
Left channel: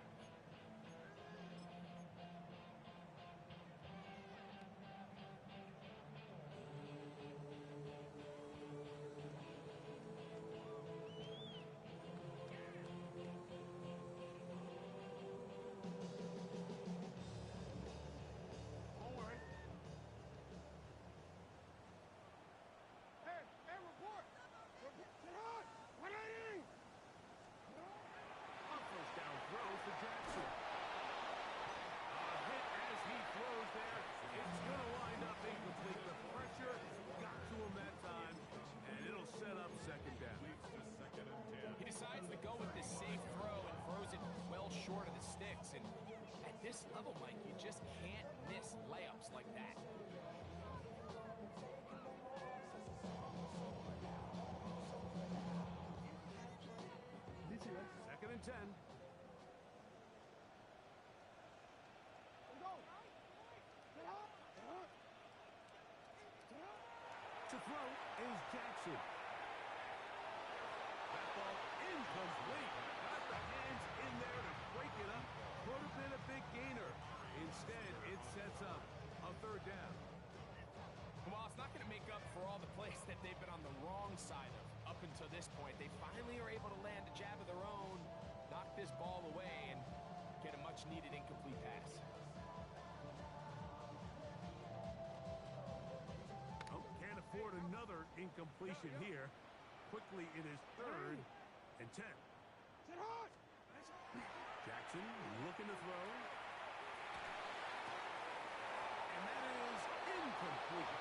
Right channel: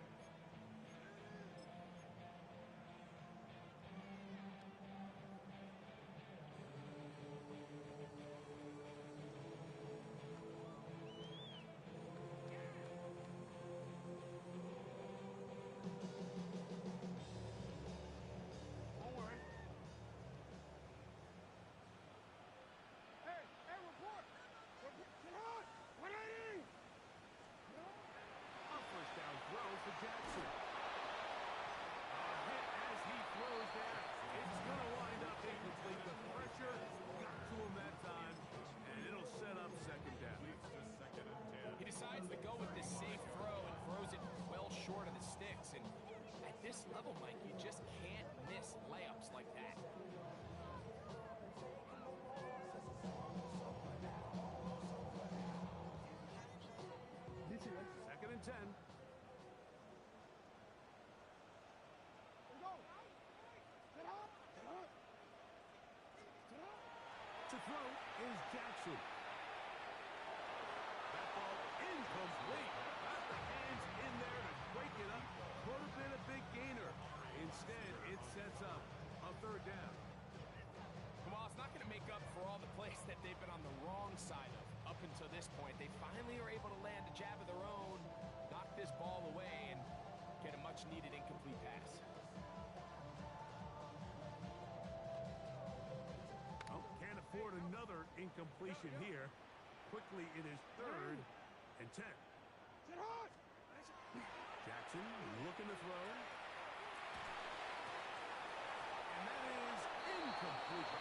First down throw for Jackson. A hit as he throws there. It's going to wind up incomplete. The pressure got to him that time, and it'll set up second down. He decides to go with this safe throw and throws it well short of the sticks. And at this level, Mike, you just can't miss layups like that. Second and 10. To throw is Jackson. That ball incomplete. Got the hands in there to break it up. Could have been a big gainer. Instead, it sets up a third down. Well, it's not going to make up for all the plays that they've been on the wrong side of up until this point. They finally are able to land a jab of their own, knock this ball away, and get a much-needed incomplete pass. Oh, can't afford another incompletion here. Quickly, it is third and 10. Jackson looking to throw. And that is incomplete.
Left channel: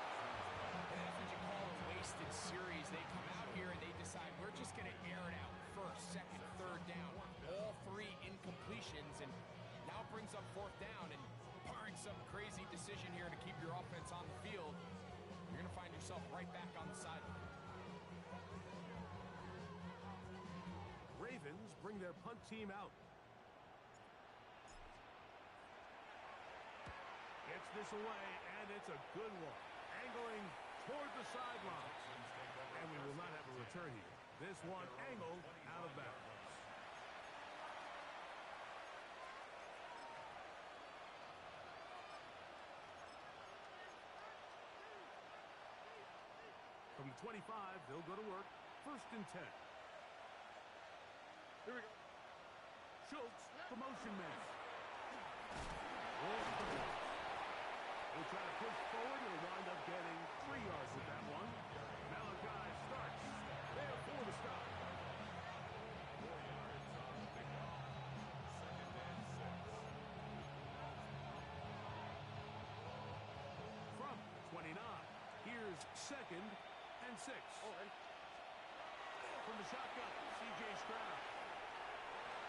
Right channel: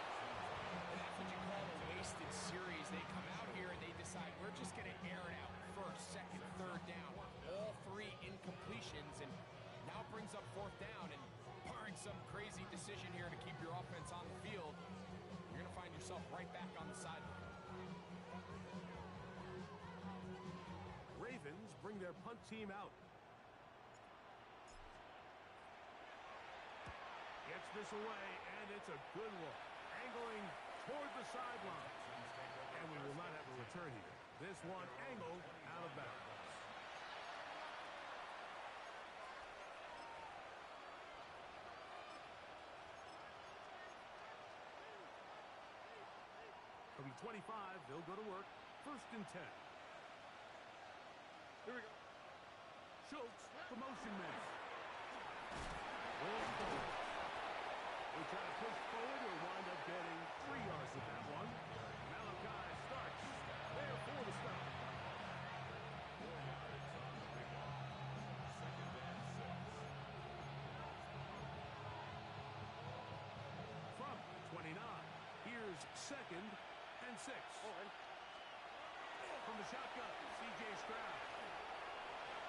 And that's what you call a wasted series. They come out here and they decide we're just going to air it out. First, second, third down. All three incompletions, and now it brings up fourth down. And barring some crazy decision here to keep your offense on the field, you're going to find yourself right back on the sideline. Ravens bring their punt team out. Gets this away, and it's a good one. Angling toward the sideline. And we will not have a return here. This one angled out of bounds. From the 25, they'll go to work. First and 10. Here we go. Schultz, the motion man. He'll try to push forward. He'll wind up getting 3 yards with that one. Malachi starts there for the stop. 4 yards on the pickup. Second and 6. From 29, here's second and 6. From the shotgun, C.J. Stroud.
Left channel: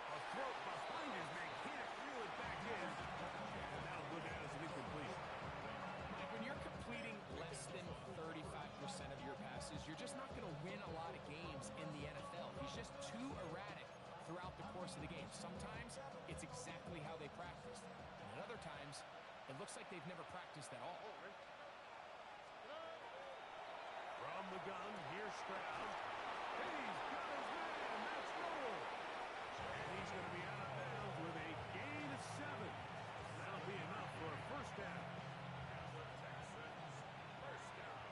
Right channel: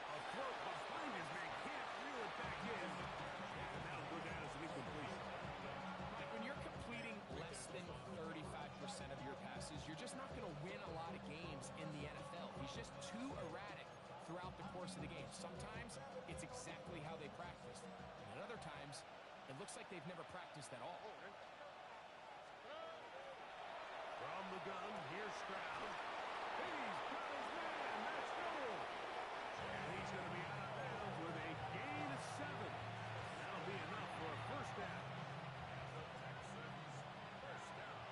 A throw behind his man, can't reel it back in. And that'll go down as an incompletion. Mike, when you're completing less than 35% of your passes, you're just not going to win a lot of games in the NFL. He's just too erratic throughout the course of the game. Sometimes it's exactly how they practiced. And at other times, it looks like they've never practiced at all. From the gun, here's Stroud. He's got his man. That's goal. And he's going to be out of bounds with a gain of 7. That'll be enough for a first down. And the Texans first down.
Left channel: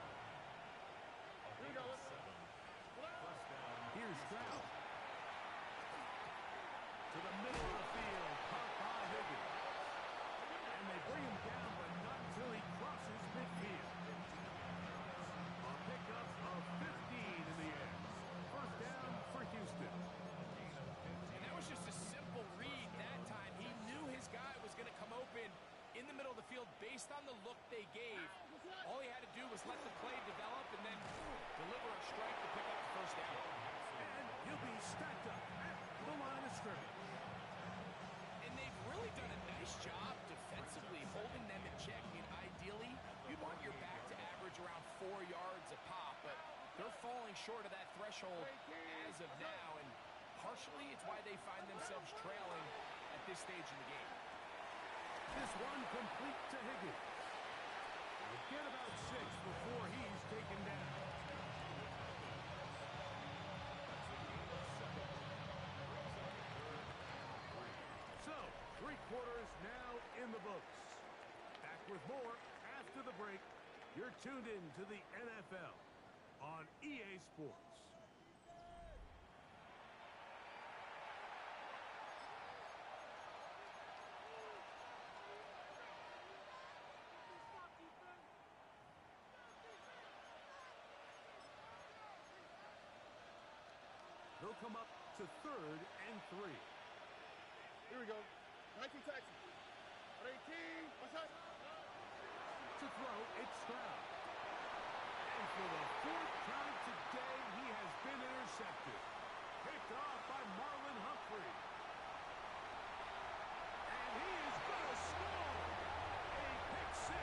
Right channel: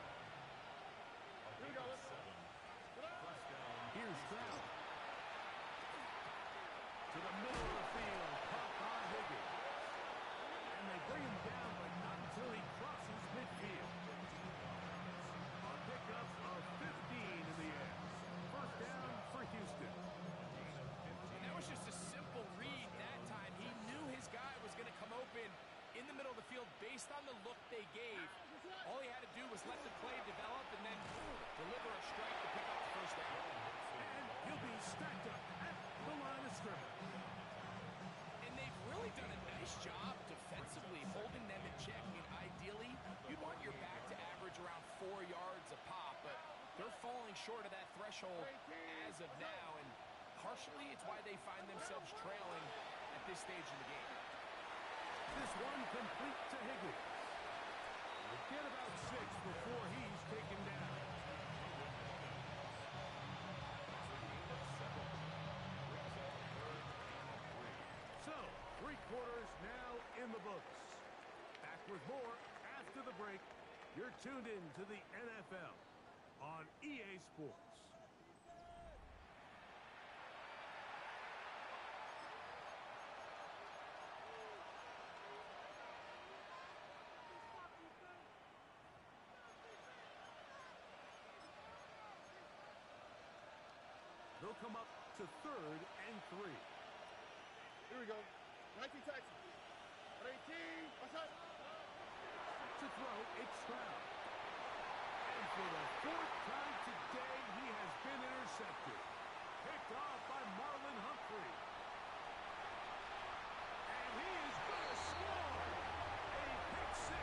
Here we go. 7. First down. Here's Stroud. To the middle of the field. Caught by Higgins. And they bring him down, but not until he crosses midfield. A pickup of 15 in the air. First down for Houston. And that was just a simple read that time. He knew his guy was going to come open in the middle of the field based on the look they gave. All he had to do was let the play develop and then deliver a strike to pick up the first down. falling short of that threshold as of now, and partially it's why they find themselves trailing at this stage in the game. This one complete to Higgins. He'll get about 6 before he's taken down. That's a gain of 7. Brings up 3rd and 3. So, 3 quarters now in the books. Back with more after the break. You're tuned in to the NFL on EA Sports. They'll come up to 3rd and 3. Here we go. 19 taxi. 18. What's up? To throw, it's Stroud. And for the 4th time today, he has been intercepted. Picked off by Marlon Humphrey. And he is going to score. A pick 6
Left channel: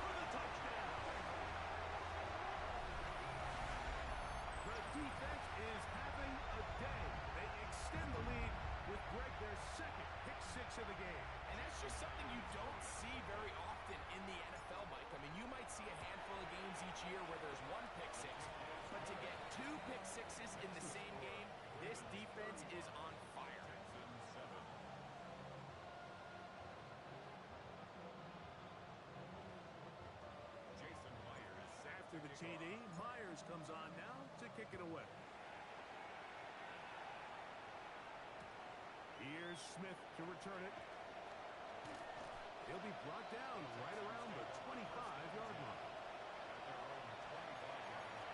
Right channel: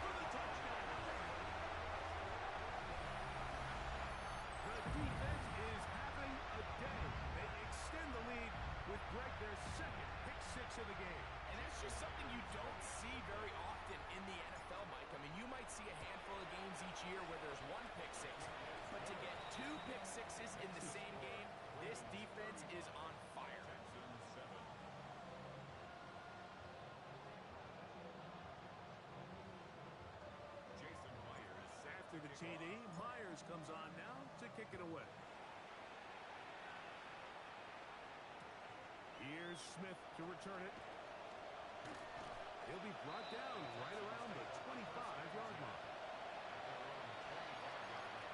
for the touchdown. The defense is having a day. They extend the lead with Greg, their 2nd pick 6 of the game. And that's just something you don't see very often in the NFL, Mike. I mean, you might see a handful of games each year where there's 1 pick 6, but to get 2 pick 6s in the same game, this defense is on fire. Texans 7. Jason Myers set After the to kick TD, off. Myers comes on now to kick it away. Here's Smith to return it. He'll be brought down right around the 25-yard line. At their own 25-yard line.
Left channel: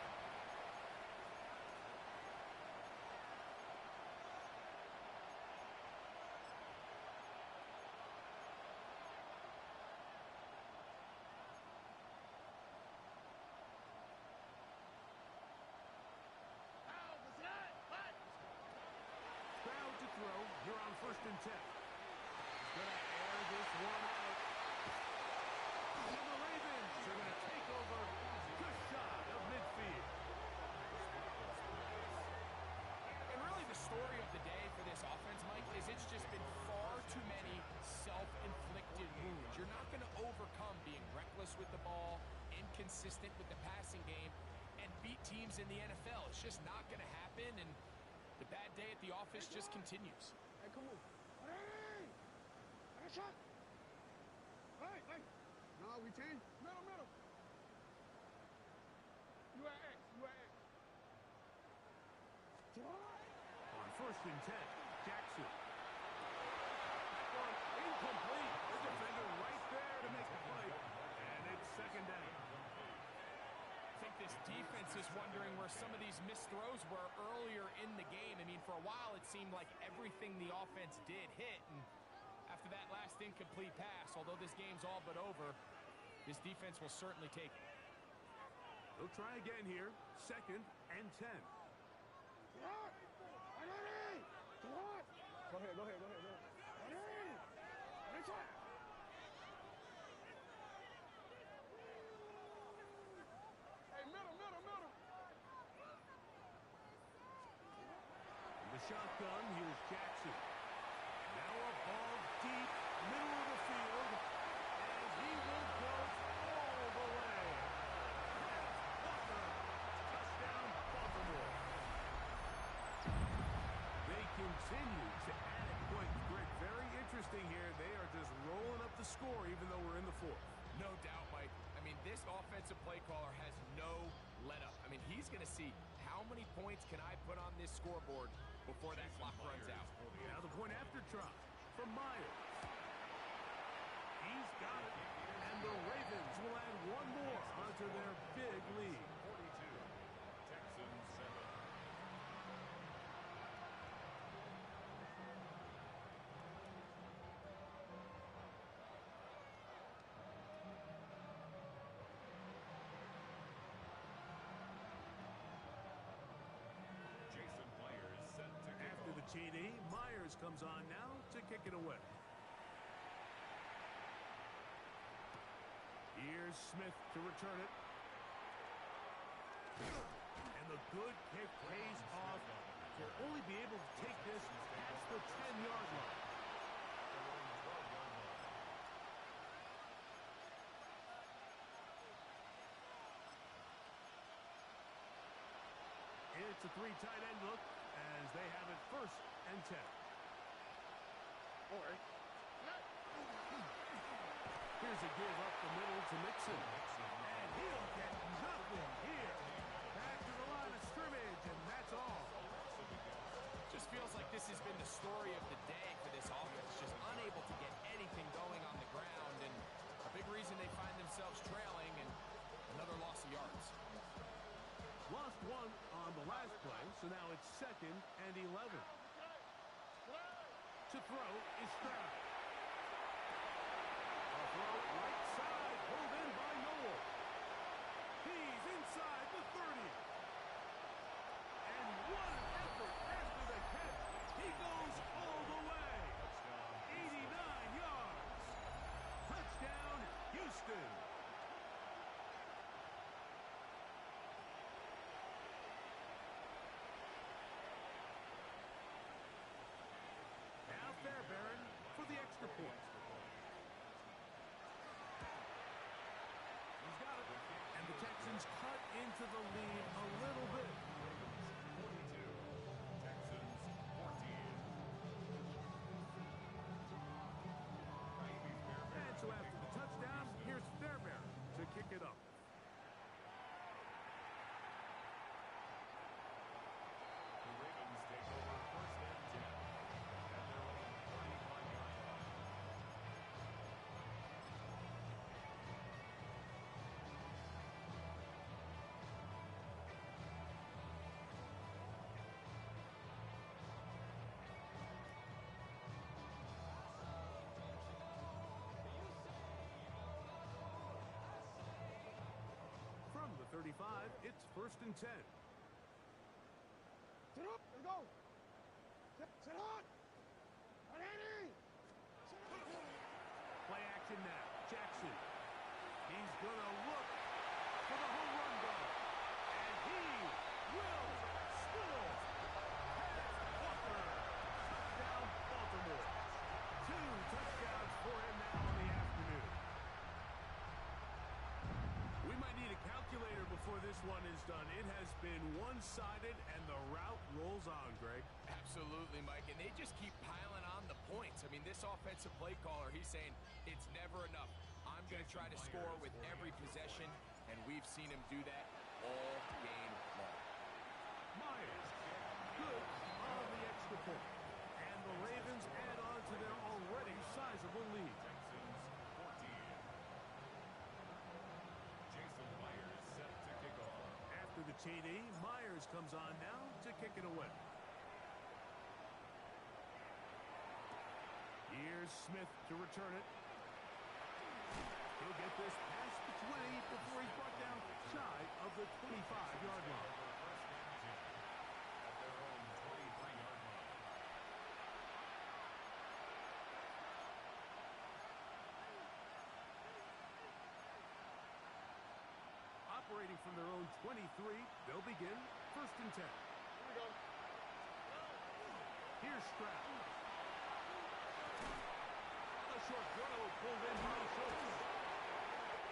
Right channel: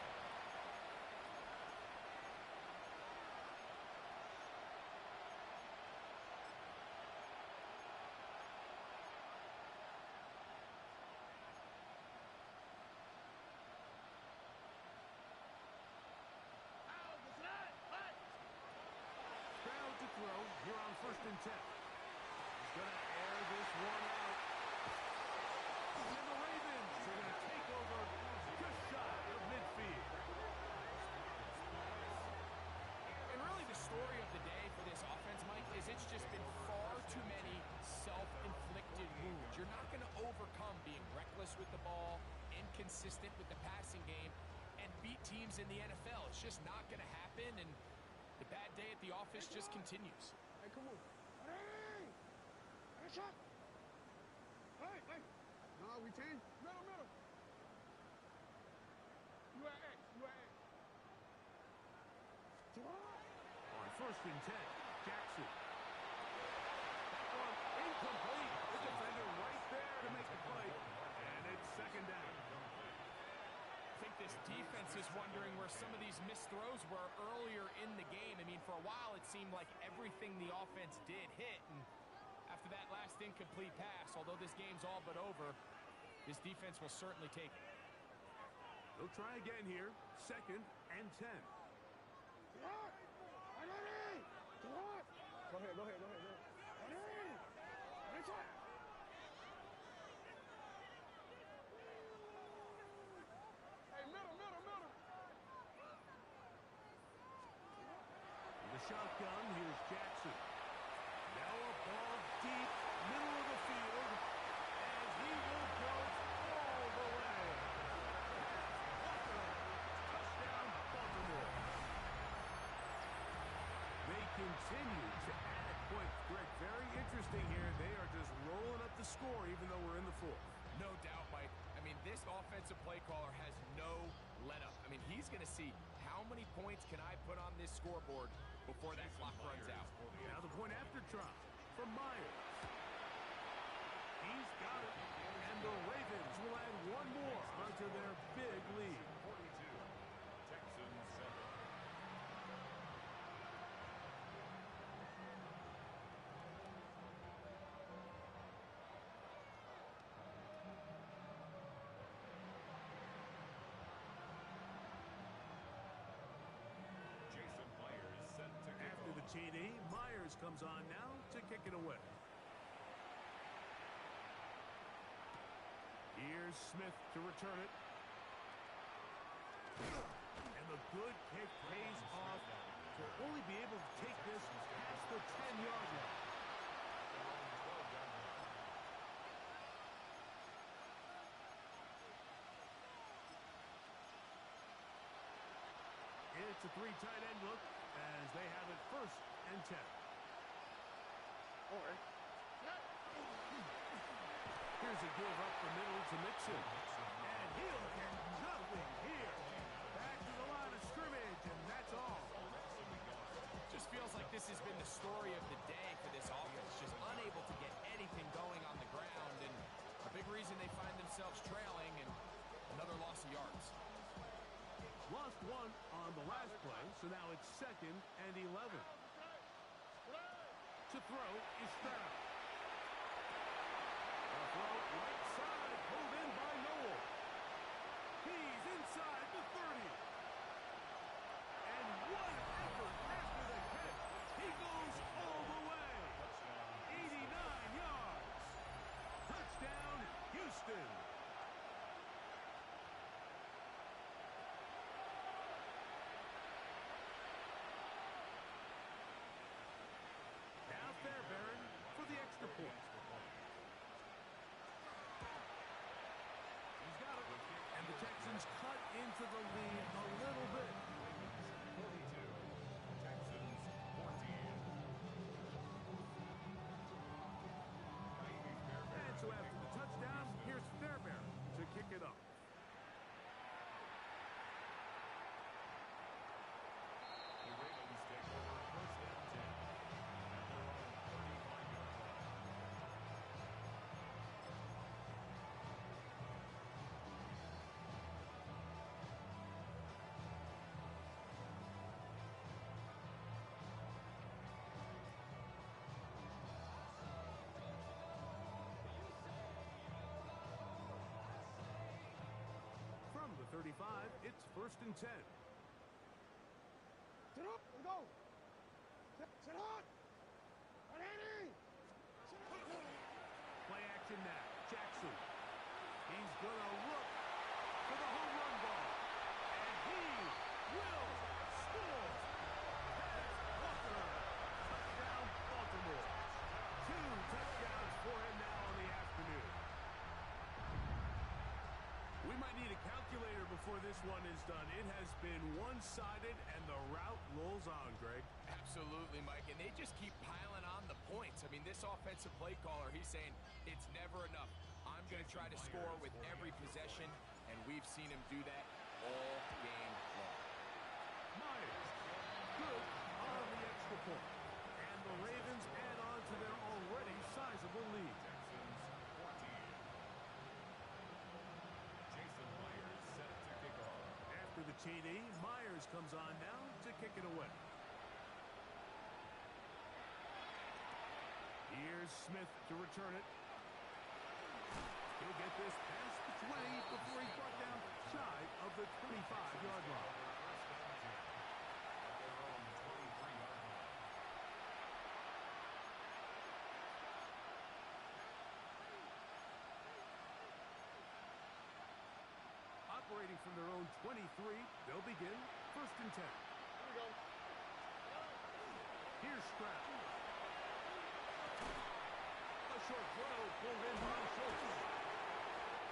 Stroud to throw here on 1st and 10. He's going to air this one out. And the Ravens are going to take over just shy of midfield. And really the story of the day for this offense, Mike, is it's just been far too many self-inflicted wounds. You're not going to overcome being reckless with the ball, inconsistent with the passing game, and beat teams in the NFL. It's just not going to happen, and the bad day at the office just continues. Hey, come on. Hey! Hey, shot! Hey, hey! No, we change. Middle. You at X. On 1st and 10, Jackson. That one incomplete. The defender right there to make the play. And it's 2nd down. I think this defense is wondering where some of these missed throws were earlier in the game. I mean, for a while, it seemed like everything the offense did hit. And after that last incomplete pass, although this game's all but over, this defense will certainly take it. They'll try again here. 2nd and 10. What? Go ahead. Hey, shot! Hey, middle. In the shotgun, here's Jackson. Now a ball deep, middle of the field, and he will go all the way. Pass, Walker, touchdown, Baltimore. They continue to add at points. Greg, very interesting here. They are just rolling up the score even though we're in the 4th. No doubt, Mike. I mean, this offensive play caller has no let-up. I mean, he's going to see how many points can I put on this scoreboard before that clock runs out. Now the point after try from Myers. He's got it. And the Ravens will add one more onto their big lead. 42. Texans 7. Jason Myers set to kick After the off. TD, Myers comes on now to kick it away. Here's Smith to return it. And the good kick pays off. They'll only be able to take this past the 10-yard line. Their own 12-yard line. It's a 3 tight end look as they have it 1st and 10. Or, Here's a give up the middle to Mixon. And he'll get nothing here. Back to the line of scrimmage, and that's all. Just feels like this has been the story of the day for this offense. Just unable to get anything going on the ground, and a big reason they find themselves trailing, and another loss of yards. Lost 1 on the last play, so now it's 2nd and 11. To throw is Stroud. A throw right side, pulled in by Noel. He's inside the 30. And what an effort after the catch. He goes all the way. 89 yards. Touchdown, Houston. Now Fairbairn for the extra point. He's got it. And the Texans cut into the lead a little bit. 42. Texans 14. And so after the touchdown, here's Fairbairn to kick it up. The Ravens take over 1st and 10 at their own 35-yard line. From the 35, it's 1st and 10. sit up, let's go. Sit on. 180. Sit up. Play action now. Jackson. He's going to look for the home run ball. And he will score. Head Walker. Touchdown, Baltimore. 2 touchdowns for him now in the afternoon. We might need a calculator before this one is done. It has been one-sided, and the route rolls on, Greg. Absolutely, Mike, and they just keep piling on the points. I mean, this offensive play caller, he's saying it's never enough. I'm going to try to score with every possession, and we've seen him do that all game long. Myers, good on the extra point. And the Ravens add on to their already sizable lead. Texans 14. Jason Myers set to kick off. After the TD, Myers comes on now to kick it away. Here's Smith to return it. He'll get this past the 20 before he's brought down shy of the 25-yard line. 1st and 10 at their own 23-yard line. Operating from their own 23, they'll begin 1st and 10. Here we go. Here's Stroud. A short throw pulled in by Schultz.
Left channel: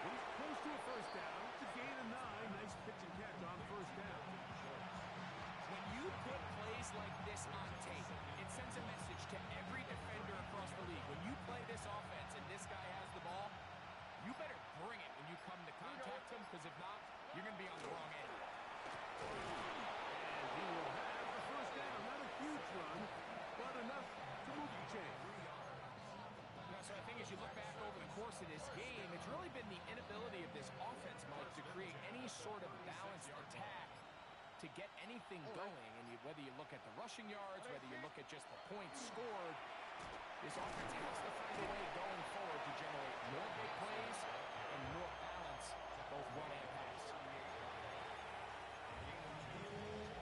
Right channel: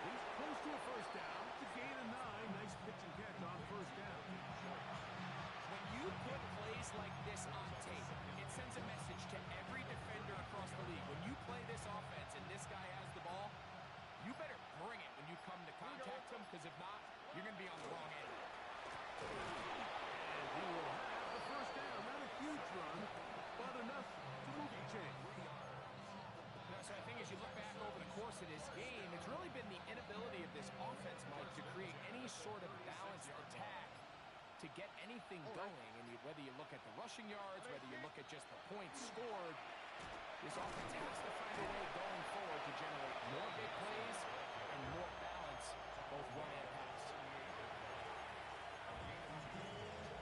He's close to a 1st down to gain a 9. Nice pitch and catch on 1st down. When you put plays like this on tape, it sends a message to every defender across the league. When you play this offense and this guy has the ball, you better bring it when you come to contact him, because if not, you're going to be on the wrong end. And he will have the 1st down. Not a huge run, but enough to move the chain. So I think as you look back over the course of this game, it's really been the inability of this offense, Mike, to create any sort of balanced attack to get anything going. And whether you look at the rushing yards, whether you look at just the points scored, this offense has to find a way going forward to generate more big plays and more balance, both run and pass.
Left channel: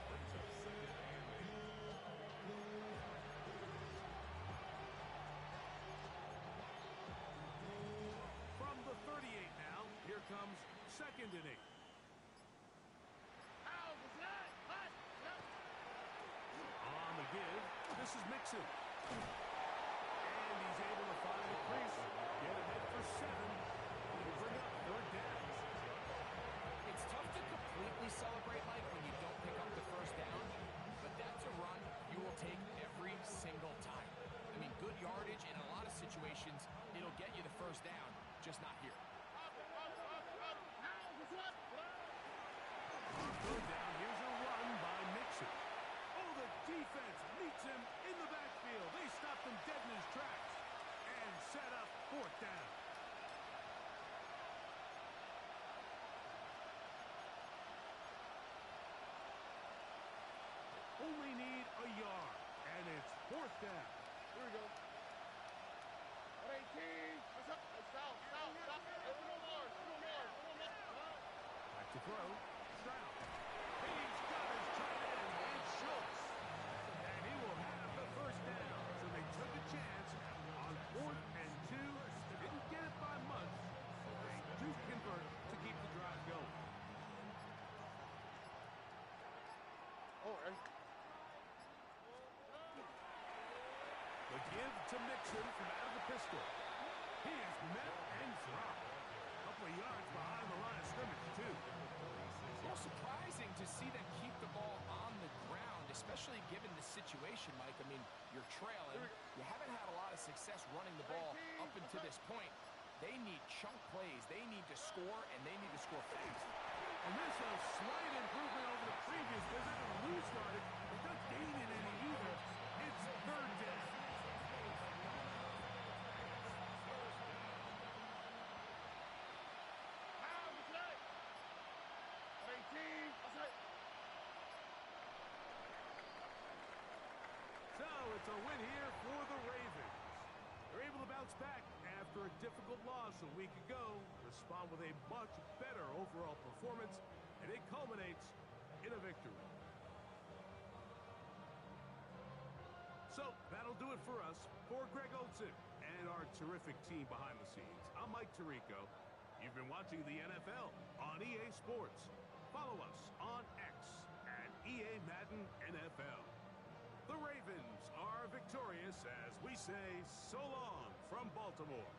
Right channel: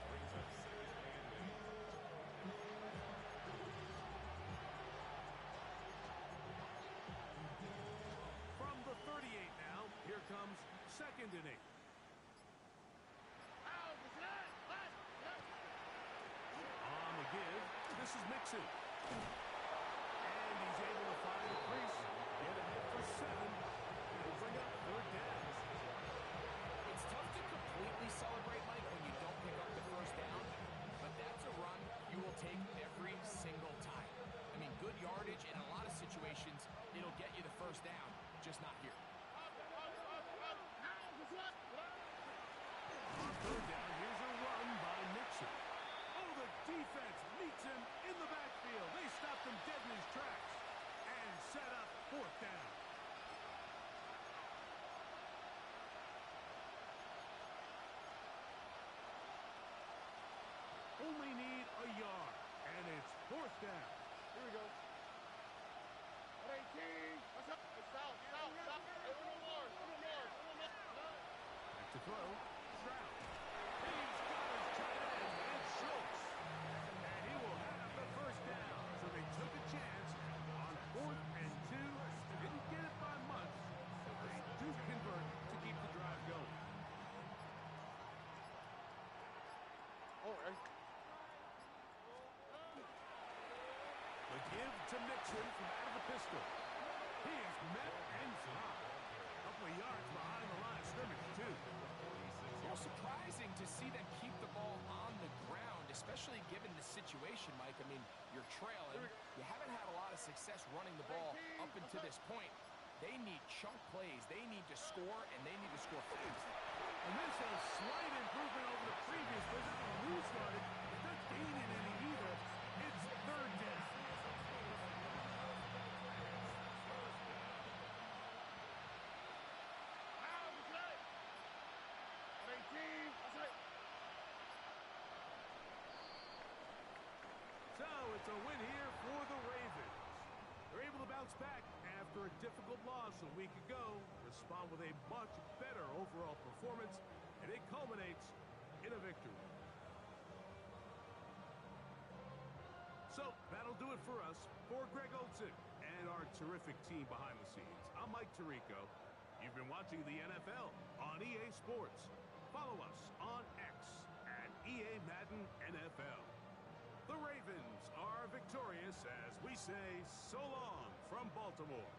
Brings up 2nd and 8. From the 38 now, here comes 2nd and 8. Out, it's that. This is Mixon. And he's able to find the crease. Get ahead for 7. It'll bring up 3rd down. It's tough to completely celebrate, Mike, when you don't pick up the 1st down, but that's a run you will take every single time. I mean, good yardage, and in a lot of situations, it'll get you the 1st down, just not here. On 3rd down, here's a run by Mixon. Oh, the defense meets him in the backfield. They stopped him dead in his tracks and set up 4th down. Only need a yard, and it's 4th down. Here we go. 118. What's up? Hey, south. Hey, no more. Back to throw. Stroud. He's got his tight end, and Schultz. And he will have the 1st down. So they took a chance on 4th and 2. Didn't get it by much, but they do convert to keep the drive going. Oh, hey. The give to Mixon from out of the pistol. He is met and dropped. A couple of yards behind the line of scrimmage, too. Well, surprising to see them keep the ball on the ground, especially given the situation, Mike. I mean, you're trailing. You haven't had a lot of success running the ball up until this point. They need chunk plays. They need to score, and they need to score fast. And this is a slight improvement over the previous visit. Lose started, but not gaining any either. It's 3rd down. So it's a win here for the Ravens. They're able to bounce back after a difficult loss a week ago, respond with a much better overall performance, and it culminates in a victory. So that'll do it for us. For Greg Olson and our terrific team behind the scenes, I'm Mike Tirico. You've been watching the NFL on EA Sports. Follow us on X at EA Madden NFL. The Ravens are victorious as we say so long from Baltimore.